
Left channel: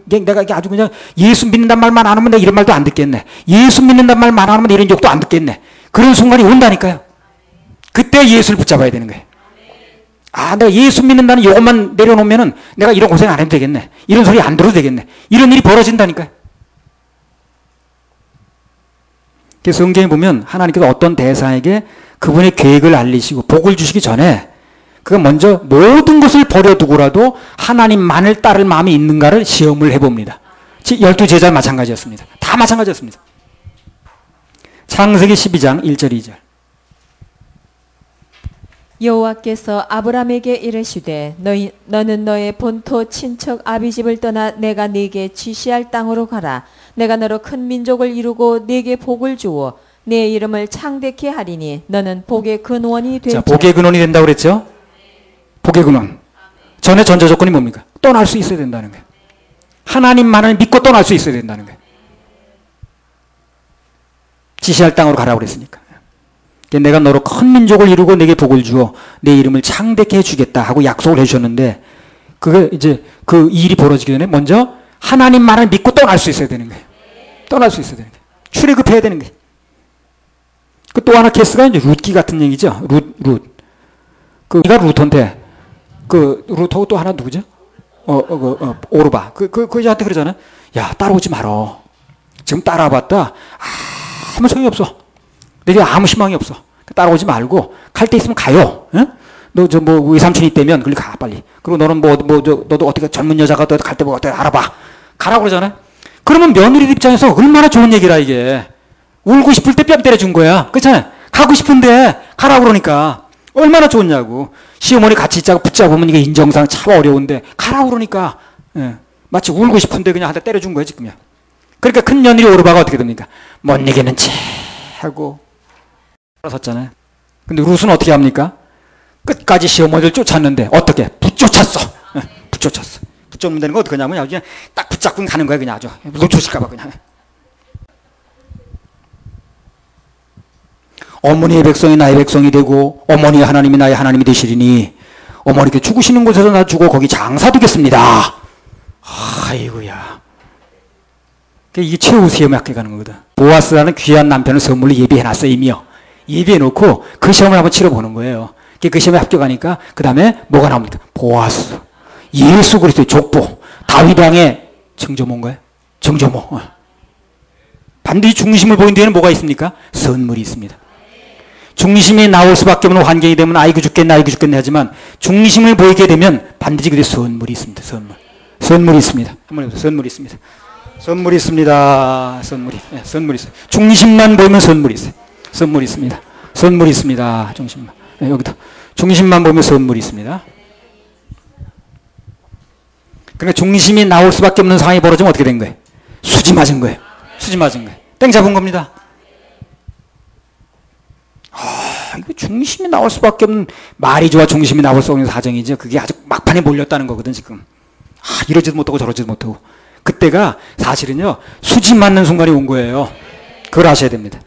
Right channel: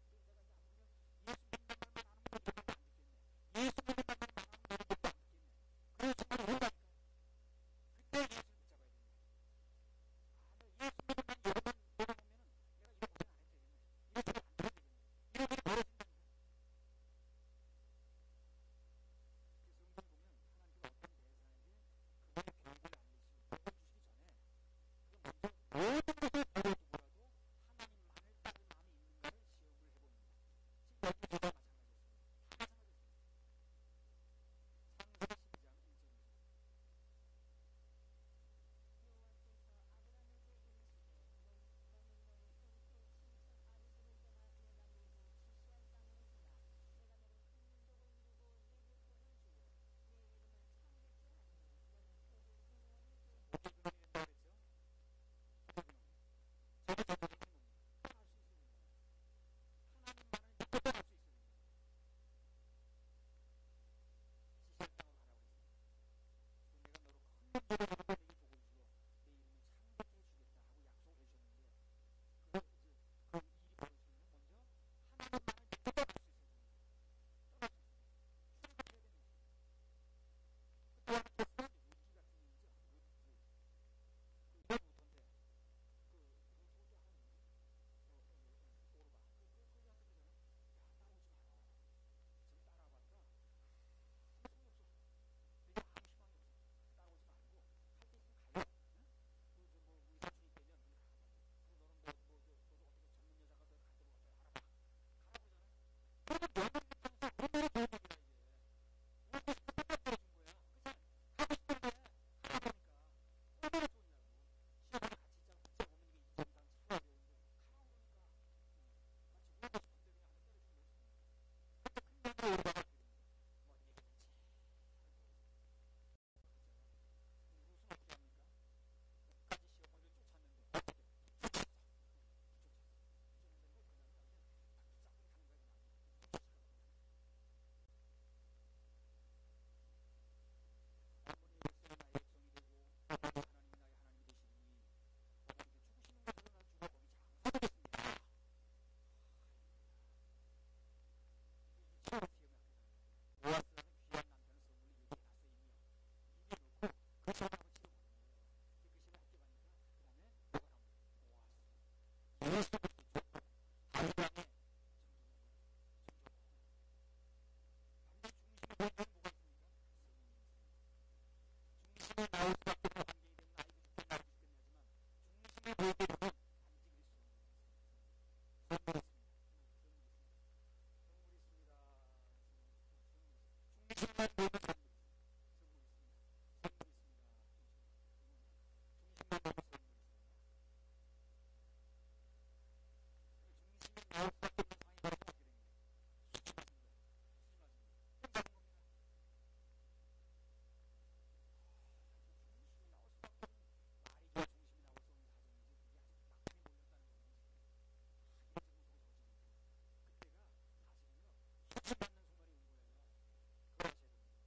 내가 아주 그냥 예수 믿는단 말만 안 하면 내가 이런 말도 안 듣겠네. 예수 믿는단 말만 안 하면 이런 욕도 안 듣겠네. 그런 순간이 온다니까요. 그때 예수를 붙잡아야 되는 거예요. 내가 예수 믿는다는 요것만 내려놓으면은 내가 이런 고생 안 해도 되겠네. 이런 소리 안 들어도 되겠네. 이런 일이 벌어진다니까요. 그래서 성경에 보면 하나님께서 어떤 대상에게 그분의 계획을 알리시고 복을 주시기 전에 그가 먼저 모든 것을 버려두고라도 하나님만을 따를 마음이 있는가를 시험을 해봅니다. 12제자 마찬가지였습니다. 다 마찬가지였습니다. 창세기 12장 1절 2절. 여호와께서 아브라함에게 이르시되 너는 너의 본토 친척 아비집을 떠나 내가 네게 지시할 땅으로 가라. 내가 너로 큰 민족을 이루고 네게 복을 주어 네 이름을 창대케 하리니 너는 복의 근원이 되리라. 자, 복의 근원이 된다고 그랬죠? 복의 근원. 전에 전제 조건이 뭡니까? 떠날 수 있어야 된다는 거예요. 하나님만을 믿고 떠날 수 있어야 된다는 거예요. 지시할 땅으로 가라고 그랬으니까. 내가 너로 큰 민족을 이루고 내게 복을 주어 내 이름을 창대케 해주겠다 하고 약속을 해주셨는데 그게 이제 그 일이 벌어지기 전에 먼저 하나님만을 믿고 떠날 수 있어야 되는 거예요. 떠날 수 있어야 되는 거예요. 출애굽해야 되는 거예요. 그 또 하나 케이스가 이제 룻기 같은 얘기죠. 룻. 그가 루터인데 그 루터고 또 하나 누구죠? 오르바. 그 여자한테 그러잖아요. 야, 따라오지 말어. 지금 따라와봤다. 아무 소용이 없어. 내게 아무 희망이 없어. 따라오지 말고 갈 때 있으면 가요. 응? 너 뭐 외삼촌이 있다면 그리 가 빨리. 그리고 너는 너도 어떻게 젊은 여자가 갈 때 뭐 어떻게 알아봐. 가라고 그러잖아요. 그러면 며느리 입장에서 얼마나 좋은 얘기라 이게. 울고 싶을 때 뺨 때려준 거야. 그렇잖아요. 가고 싶은데 가라고 그러니까 얼마나 좋냐고. 시어머니 같이 있자고 붙잡으면 이게 인정상 참 어려운데 가라고 그러니까 예. 마치 울고 싶은데 그냥 한 대 때려준 거예요, 지금요. 그러니까 큰 며느리 오르바가 어떻게 됩니까? 못 이기는 채 하고 섰잖아요. 근데 룻은 어떻게 합니까? 끝까지 시어머니를 쫓았는데 어떻게? 붙쫓았어. 예. 붙쫓았어. 붙잡는 데는 거 어떻게 하냐면 그냥 딱 붙잡고 가는 거예요, 그냥 아주. 놓쳐질까봐 그냥. 어머니의 백성이 나의 백성이 되고 어머니의 하나님이 나의 하나님이 되시리니 어머니께 죽으시는 곳에서 나 죽어 거기 장사되겠습니다. 아이고야. 이게 최후 시험에 합격하는 거거든. 보아스라는 귀한 남편을 선물로 예비해놨어요, 이미요. 예비해놓고 그 시험을 한번 치러보는 거예요. 그 시험에 합격하니까 그 다음에 뭐가 나옵니까? 보아스. 예수 그리스도의 족보. 다윗 왕의 정조모인가요? 정조모. 반드시 중심을 보인 데에는 뭐가 있습니까? 선물이 있습니다. 중심이 나올 수밖에 없는 환경이 되면 아이고 죽겠네 아이고 죽겠네 하지만 중심을 보이게 되면 반드시 그게 선물이 있습니다. 선물. 선물이 있습니다. 한번 해보세요. 선물이 있습니다. 선물이 있습니다. 선물이. 네, 선물이 있어요. 중심만 보이면 선물이 있어요. 선물이 있습니다. 선물이 있습니다. 중심만. 네, 여기도. 중심만 보면 선물이 있습니다. 그러니까 중심이 나올 수밖에 없는 상황이 벌어지면 어떻게 된 거예요? 수지 맞은 거예요. 수지 맞은 거예요. 땡 잡은 겁니다. 이거 중심이 나올 수밖에 없는 말이 좋아 중심이 나올 수 없는 사정이죠. 그게 아주 막판에 몰렸다는 거거든 지금. 이러지도 못하고 저러지도 못하고. 그때가 사실은요 수지 맞는 순간이 온 거예요. 그걸 아셔야 됩니다.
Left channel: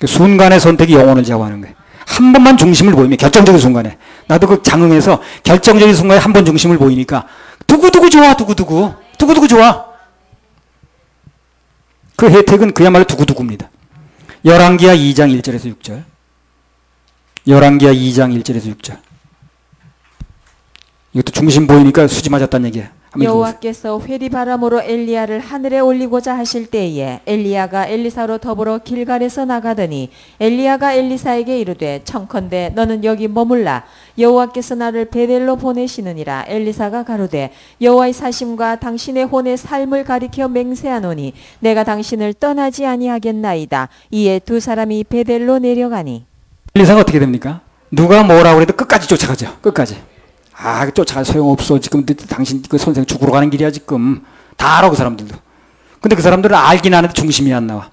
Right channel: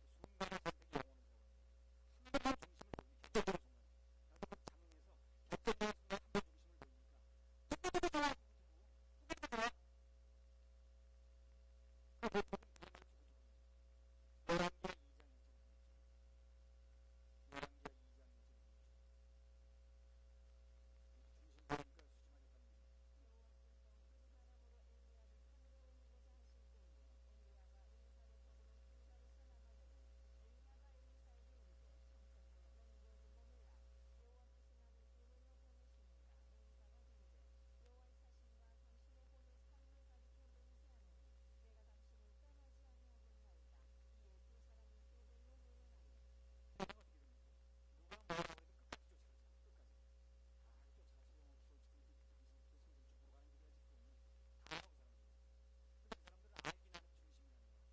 그 순간의 선택이 영혼을 좌우하는 거예요. 한 번만 중심을 보이면 결정적인 순간에 나도 그 장흥에서 결정적인 순간에 한 번 중심을 보이니까 두구두구 좋아 두구두구 두구두구 좋아. 그 혜택은 그야말로 두구두구입니다. 열왕기하 2장 1절에서 6절. 열왕기하 2장 1절에서 6절. 이것도 중심 보이니까 수지 맞았다는 얘기예요. 여호와께서 회리바람으로 엘리야를 하늘에 올리고자 하실 때에 엘리야가 엘리사로 더불어 길갈에서 나가더니 엘리야가 엘리사에게 이르되 청컨대 너는 여기 머물라 여호와께서 나를 베델로 보내시느니라. 엘리사가 가로되 여호와의 사심과 당신의 혼의 삶을 가리켜 맹세하노니 내가 당신을 떠나지 아니하겠나이다. 이에 두 사람이 베델로 내려가니 엘리사가 어떻게 됩니까? 누가 뭐라고 해도 끝까지 쫓아가죠. 끝까지. 쫓아가 소용없어. 지금 당신 그 선생 죽으러 가는 길이야 지금. 다 알아 그 사람들도. 근데 그 사람들은 알긴 아는데 중심이 안 나와.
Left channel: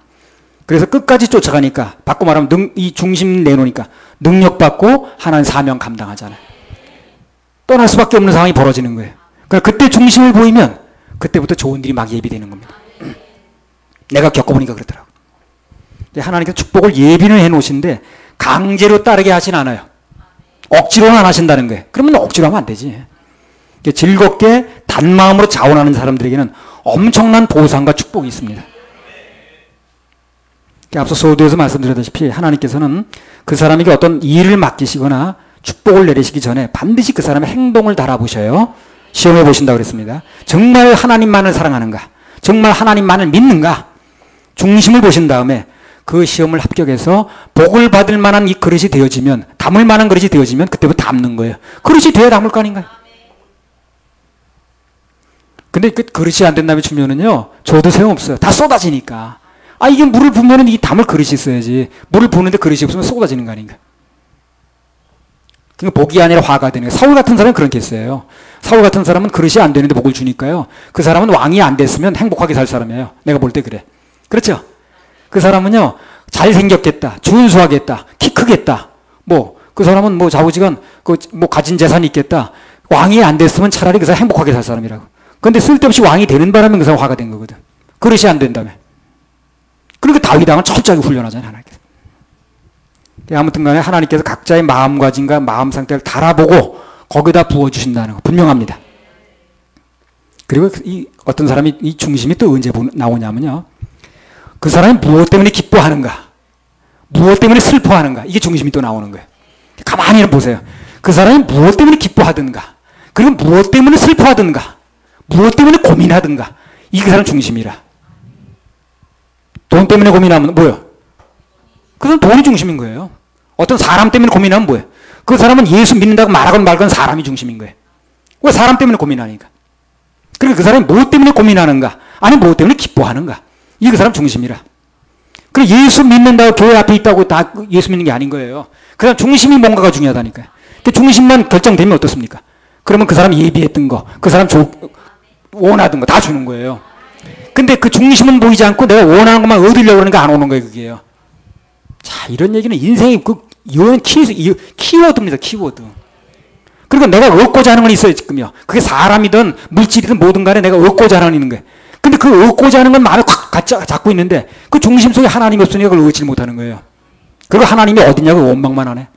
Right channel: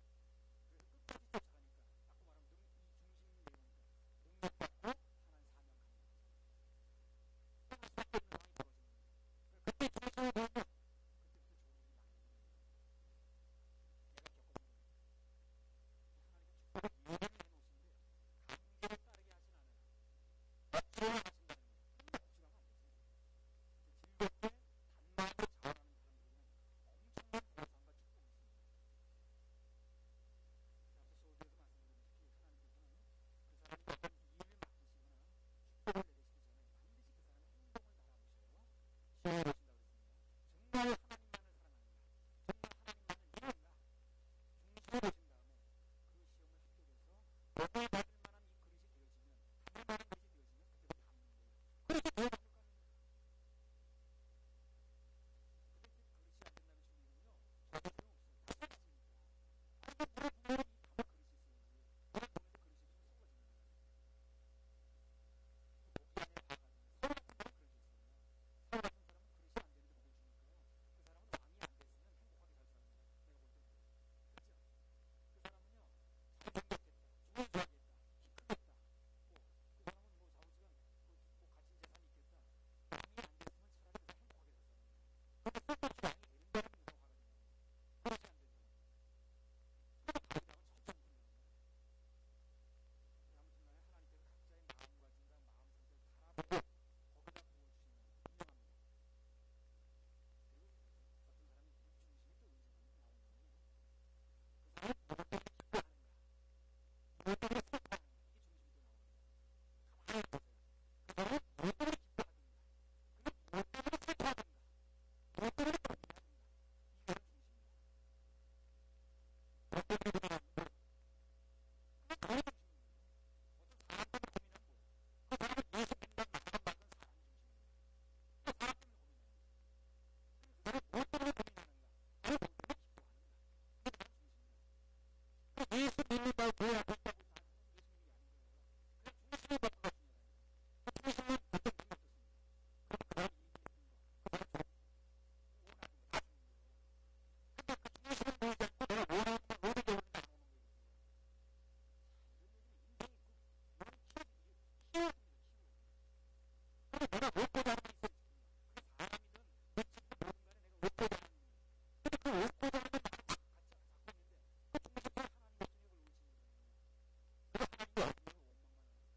그래서 끝까지 쫓아가니까 바꿔 말하면 이 중심 내놓으니까 능력받고 하나님 사명 감당하잖아요. 떠날 수밖에 없는 상황이 벌어지는 거예요. 그러니까 그때 중심을 보이면 그때부터 좋은 일이 막 예비되는 겁니다. 내가 겪어보니까 그렇더라고. 하나님께서 축복을 예비는 해놓으신데 강제로 따르게 하진 않아요. 억지로는 안 하신다는 거예요. 그러면 억지로 하면 안 되지. 즐겁게 단마음으로 자원하는 사람들에게는 엄청난 보상과 축복이 있습니다. 앞서 소도에서 말씀드렸다시피 하나님께서는 그 사람에게 어떤 일을 맡기시거나 축복을 내리시기 전에 반드시 그 사람의 행동을 달아보셔요. 시험해 보신다고 그랬습니다. 정말 하나님만을 사랑하는가? 정말 하나님만을 믿는가? 중심을 보신 다음에 그 시험을 합격해서 복을 받을 만한 이 그릇이 되어지면, 담을 만한 그릇이 되어지면 그때부터 담는 거예요. 그릇이 돼야 담을 거 아닌가요? 근데 그 그릇이 안 된다면 주면은요, 줘도 소용없어요. 다 쏟아지니까. 이게 물을 부으면은 이 담을 그릇이 있어야지. 물을 부는데 그릇이 없으면 쏟아지는 거 아닌가? 그러니까 복이 아니라 화가 되는 거예요. 사울 같은 사람은 그렇게 했어요. 사울 같은 사람은 그릇이 안 되는데 복을 주니까요. 그 사람은 왕이 안 됐으면 행복하게 살 사람이에요. 내가 볼 때 그래. 그렇죠? 그 사람은요, 잘생겼겠다, 준수하겠다, 키 크겠다, 그 사람은 좌우지간, 가진 재산이 있겠다. 왕이 안 됐으면 차라리 그 사람 행복하게 살 사람이라고. 근데 쓸데없이 왕이 되는 바람에 그 사람 화가 된 거거든. 그릇이 안 된다며. 그러니까 다윗 왕은 철저하게 훈련하잖아요, 하나님께서. 아무튼 간에 하나님께서 각자의 마음가짐과 마음 상태를 달아보고 거기다 부어주신다는 거 분명합니다. 그리고 어떤 사람이 이 중심이 또 언제 나오냐면요. 그 사람이 무엇 때문에 기뻐하는가? 무엇 때문에 슬퍼하는가? 이게 중심이 또 나오는 거예요. 가만히 보세요. 그 사람이 무엇 때문에 기뻐하든가, 그리고 무엇 때문에 슬퍼하든가, 무엇 때문에 고민하든가, 이게 그 사람 중심이라. 돈 때문에 고민하면 뭐예요? 그 사람 돈이 중심인 거예요. 어떤 사람 때문에 고민하면 뭐예요? 그 사람은 예수 믿는다고 말하건 말건 사람이 중심인 거예요. 왜 사람 때문에 고민하니까? 그러니까 그 사람이 무엇 때문에 고민하는가? 아니 무엇 때문에 기뻐하는가? 이게 그 사람 중심이라. 그래 예수 믿는다고 교회 앞에 있다고 다 예수 믿는 게 아닌 거예요. 그 사람 중심이 뭔가가 중요하다니까요. 그 중심만 결정되면 어떻습니까? 그러면 그 사람 예비했던 거, 그 사람 원하던 거 다 주는 거예요. 근데 그 중심은 보이지 않고 내가 원하는 것만 얻으려고 그러니까 안 오는 거예요, 그게요. 자, 이런 얘기는 인생의 키워드입니다, 키워드. 그리고 내가 얻고자 하는 건 있어요, 지금요. 그게 사람이든 물질이든 뭐든 간에 내가 얻고자 하는 건 있는 거예요. 근데 그 얻고자 하는 건 마음에 콱 잡고 있는데 그 중심 속에 하나님이 없으니까 그걸 얻지 못하는 거예요. 그리고 하나님이 어디냐고 원망만 하네.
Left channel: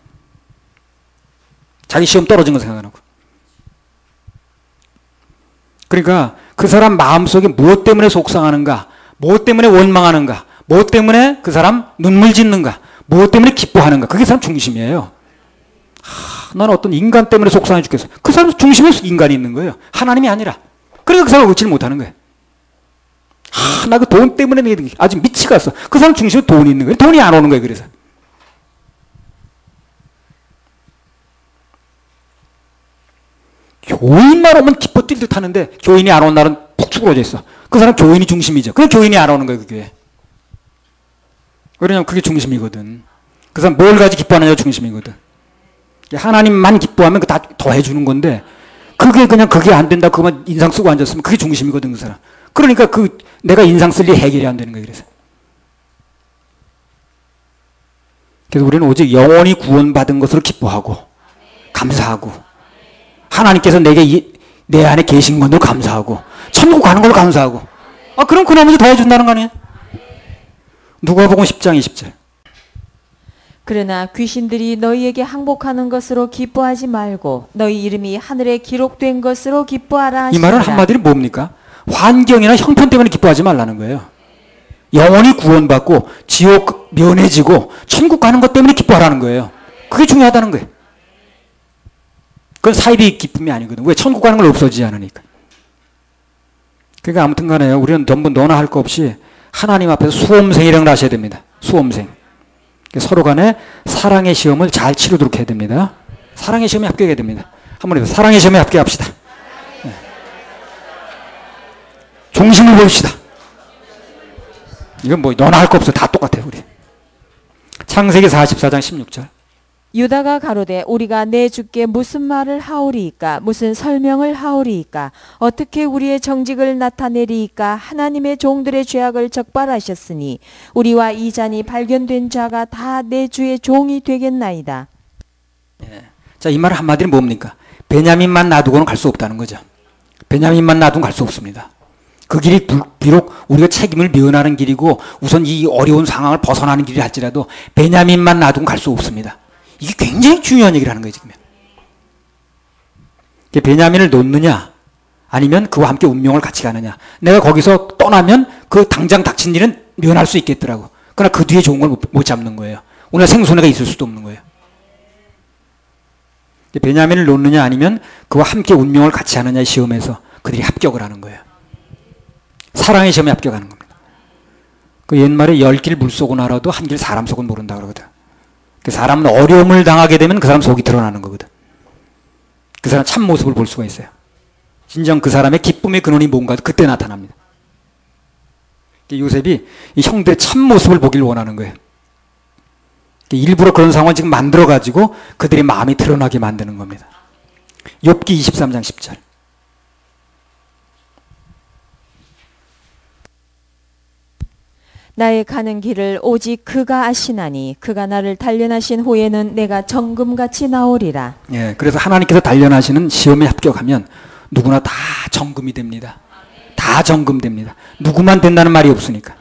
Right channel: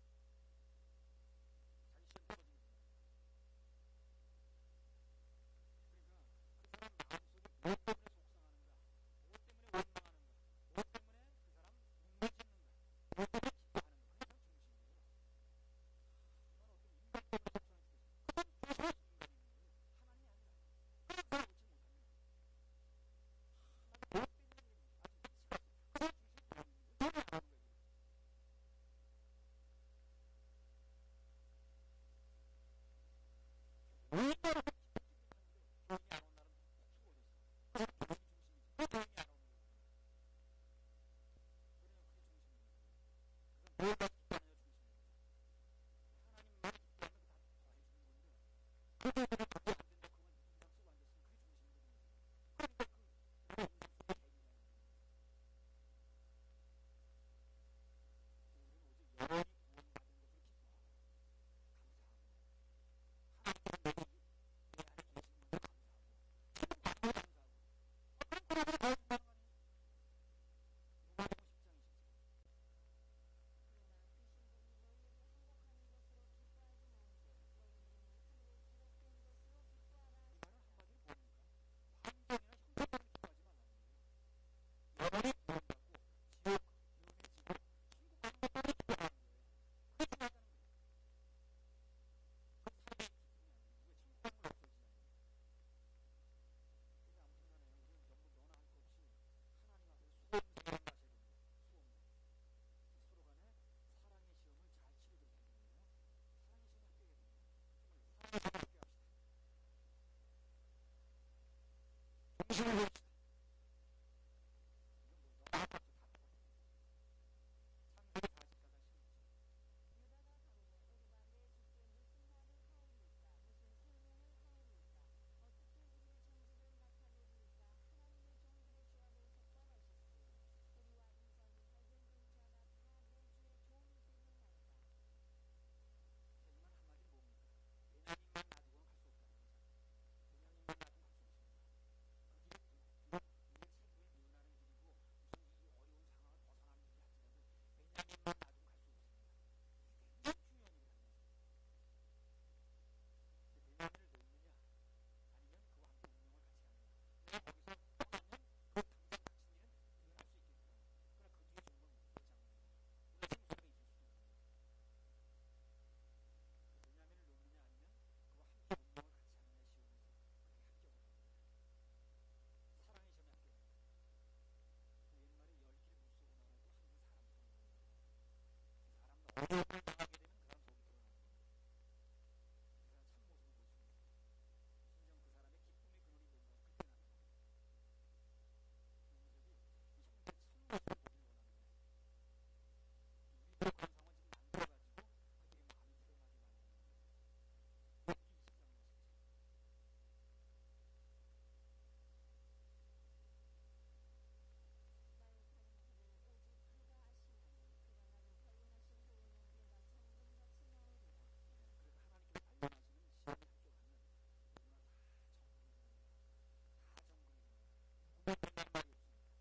자기 시험 떨어진 거 생각 안 하고. 그러니까 그 사람 마음속에 무엇 때문에 속상하는가, 무엇 때문에 원망하는가, 무엇 때문에 그 사람 눈물 짓는가, 무엇 때문에 기뻐하는가, 그게 사람 중심이에요. 나는 어떤 인간 때문에 속상해 죽겠어. 그 사람 중심에 인간이 있는 거예요. 하나님이 아니라. 그러니까 그 사람을 얻지를 못하는 거예요. 나 그 돈 때문에 아주 미치겠어. 그 사람 중심에 돈이 있는 거예요. 돈이 안 오는 거예요. 그래서. 교인만 오면 기뻐 뛸 듯 하는데 교인이 안 오는 날은 푹 수그러져 있어. 그 사람 교인이 중심이죠. 그냥 교인이 안 오는 거예요. 그 교회. 왜냐면 그게 중심이거든. 그 사람 뭘 가지고 기뻐하느냐가 중심이거든. 하나님만 기뻐하면 그 다 더 해주는 건데 그게 그냥 그게 안 된다. 그것만 인상 쓰고 앉았으면 그게 중심이거든. 그 사람. 그러니까 그 내가 인상 쓸 일 해결이 안 되는 거예요. 그래서 우리는 오직 영원히 구원받은 것으로 기뻐하고 감사하고 하나님께서 내 안에 계신 것으로 감사하고 천국 가는 걸로 감사하고 그럼 그 나머지 더 해준다는 거 아니에요? 누가복음 10장 20절. 그러나 귀신들이 너희에게 항복하는 것으로 기뻐하지 말고 너희 이름이 하늘에 기록된 것으로 기뻐하라 하시니라. 이 말은 한마디로 뭡니까? 환경이나 형편 때문에 기뻐하지 말라는 거예요. 영원히 구원받고 지옥 면해지고 천국 가는 것 때문에 기뻐하라는 거예요. 그게 중요하다는 거예요. 그건 사이비 기쁨이 아니거든. 왜? 천국 가는 걸 없어지지 않으니까. 그러니까 아무튼 간에요. 우리는 전부 너나 할 거 없이 하나님 앞에서 수험생이라는 걸 하셔야 됩니다. 수험생. 서로 간에 사랑의 시험을 잘 치르도록 해야 됩니다. 사랑의 시험에 합격해야 됩니다. 한번 해보세요. 사랑의 시험에 합격합시다. 네. 중심을 보입시다. 이건 뭐 너나 할 거 없어. 다 똑같아요. 우리. 창세기 44장 16절. 유다가 가로되 우리가 내 주께 무슨 말을 하오리이까 무슨 설명을 하오리이까 어떻게 우리의 정직을 나타내리이까 하나님의 종들의 죄악을 적발하셨으니 우리와 이 잔이 발견된 자가 다 내 주의 종이 되겠나이다. 예. 자, 이 말 한마디로 뭡니까? 베냐민만 놔두고는 갈 수 없다는 거죠. 베냐민만 놔두고는 갈 수 없습니다. 그 길이 비록 우리가 책임을 면하는 길이고 우선 이 어려운 상황을 벗어나는 길이 할지라도 베냐민만 놔두고는 갈 수 없습니다. 이게 굉장히 중요한 얘기를 하는 거예요, 지금. 베냐민을 놓느냐, 아니면 그와 함께 운명을 같이 가느냐. 내가 거기서 떠나면 그 당장 닥친 일은 면할 수 있겠더라고. 그러나 그 뒤에 좋은 걸 못 잡는 거예요. 오늘 생손해가 있을 수도 없는 거예요. 베냐민을 놓느냐, 아니면 그와 함께 운명을 같이 하느냐의 시험에서 그들이 합격을 하는 거예요. 사랑의 시험에 합격하는 겁니다. 그 옛말에 10길 물 속은 알아도 한 길 사람 속은 모른다 그러거든. 그 사람은 어려움을 당하게 되면 그 사람 속이 드러나는 거거든. 그 사람 참모습을 볼 수가 있어요. 진정 그 사람의 기쁨의 근원이 뭔가 그때 나타납니다. 요셉이 이 형들의 참모습을 보길 원하는 거예요. 일부러 그런 상황을 지금 만들어가지고 그들의 마음이 드러나게 만드는 겁니다. 욥기 23장 10절. 나의 가는 길을 오직 그가 아시나니 그가 나를 단련하신 후에는 내가 정금같이 나오리라. 예, 그래서 하나님께서 단련하시는 시험에 합격하면 누구나 다 정금이 됩니다. 다 정금됩니다. 누구만 된다는 말이 없으니까.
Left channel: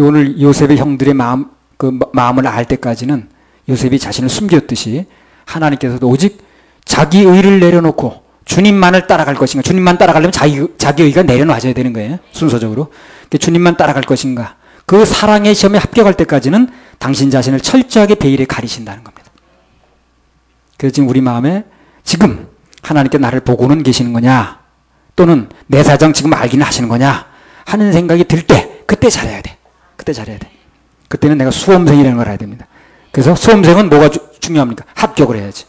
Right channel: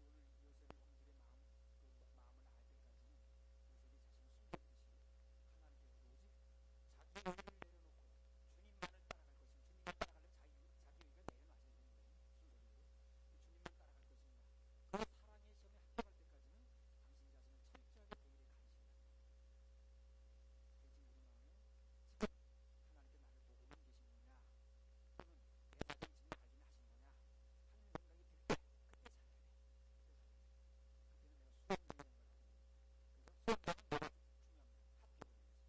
오늘 요셉의 형들의 마음을 알 때까지는 요셉이 자신을 숨겼듯이 하나님께서도 오직 자기 의를 내려놓고 주님만을 따라갈 것인가. 주님만 따라가려면 자기 의가 내려놔져야 되는 거예요. 순서적으로. 주님만 따라갈 것인가. 그 사랑의 시험에 합격할 때까지는 당신 자신을 철저하게 베일에 가리신다는 겁니다. 그래서 지금 우리 마음에 지금 하나님께 나를 보고는 계시는 거냐, 또는 내 사정 지금 알기는 하시는 거냐 하는 생각이 들 때 그때 잘해야 돼. 그때 잘해야 돼. 그때는 내가 수험생이라는 걸 알아야 됩니다. 그래서 수험생은 뭐가 중요합니까? 합격을 해야지.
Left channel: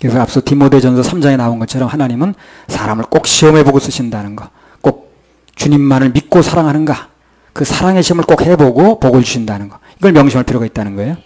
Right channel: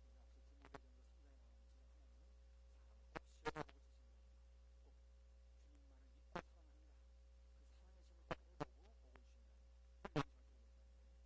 그래서 앞서 디모데전서 3장에 나온 것처럼 하나님은 사람을 꼭 시험해 보고 쓰신다는 거, 꼭 주님만을 믿고 사랑하는가, 그 사랑의 시험을 꼭 해보고 복을 주신다는 거, 이걸 명심할 필요가 있다는 거예요.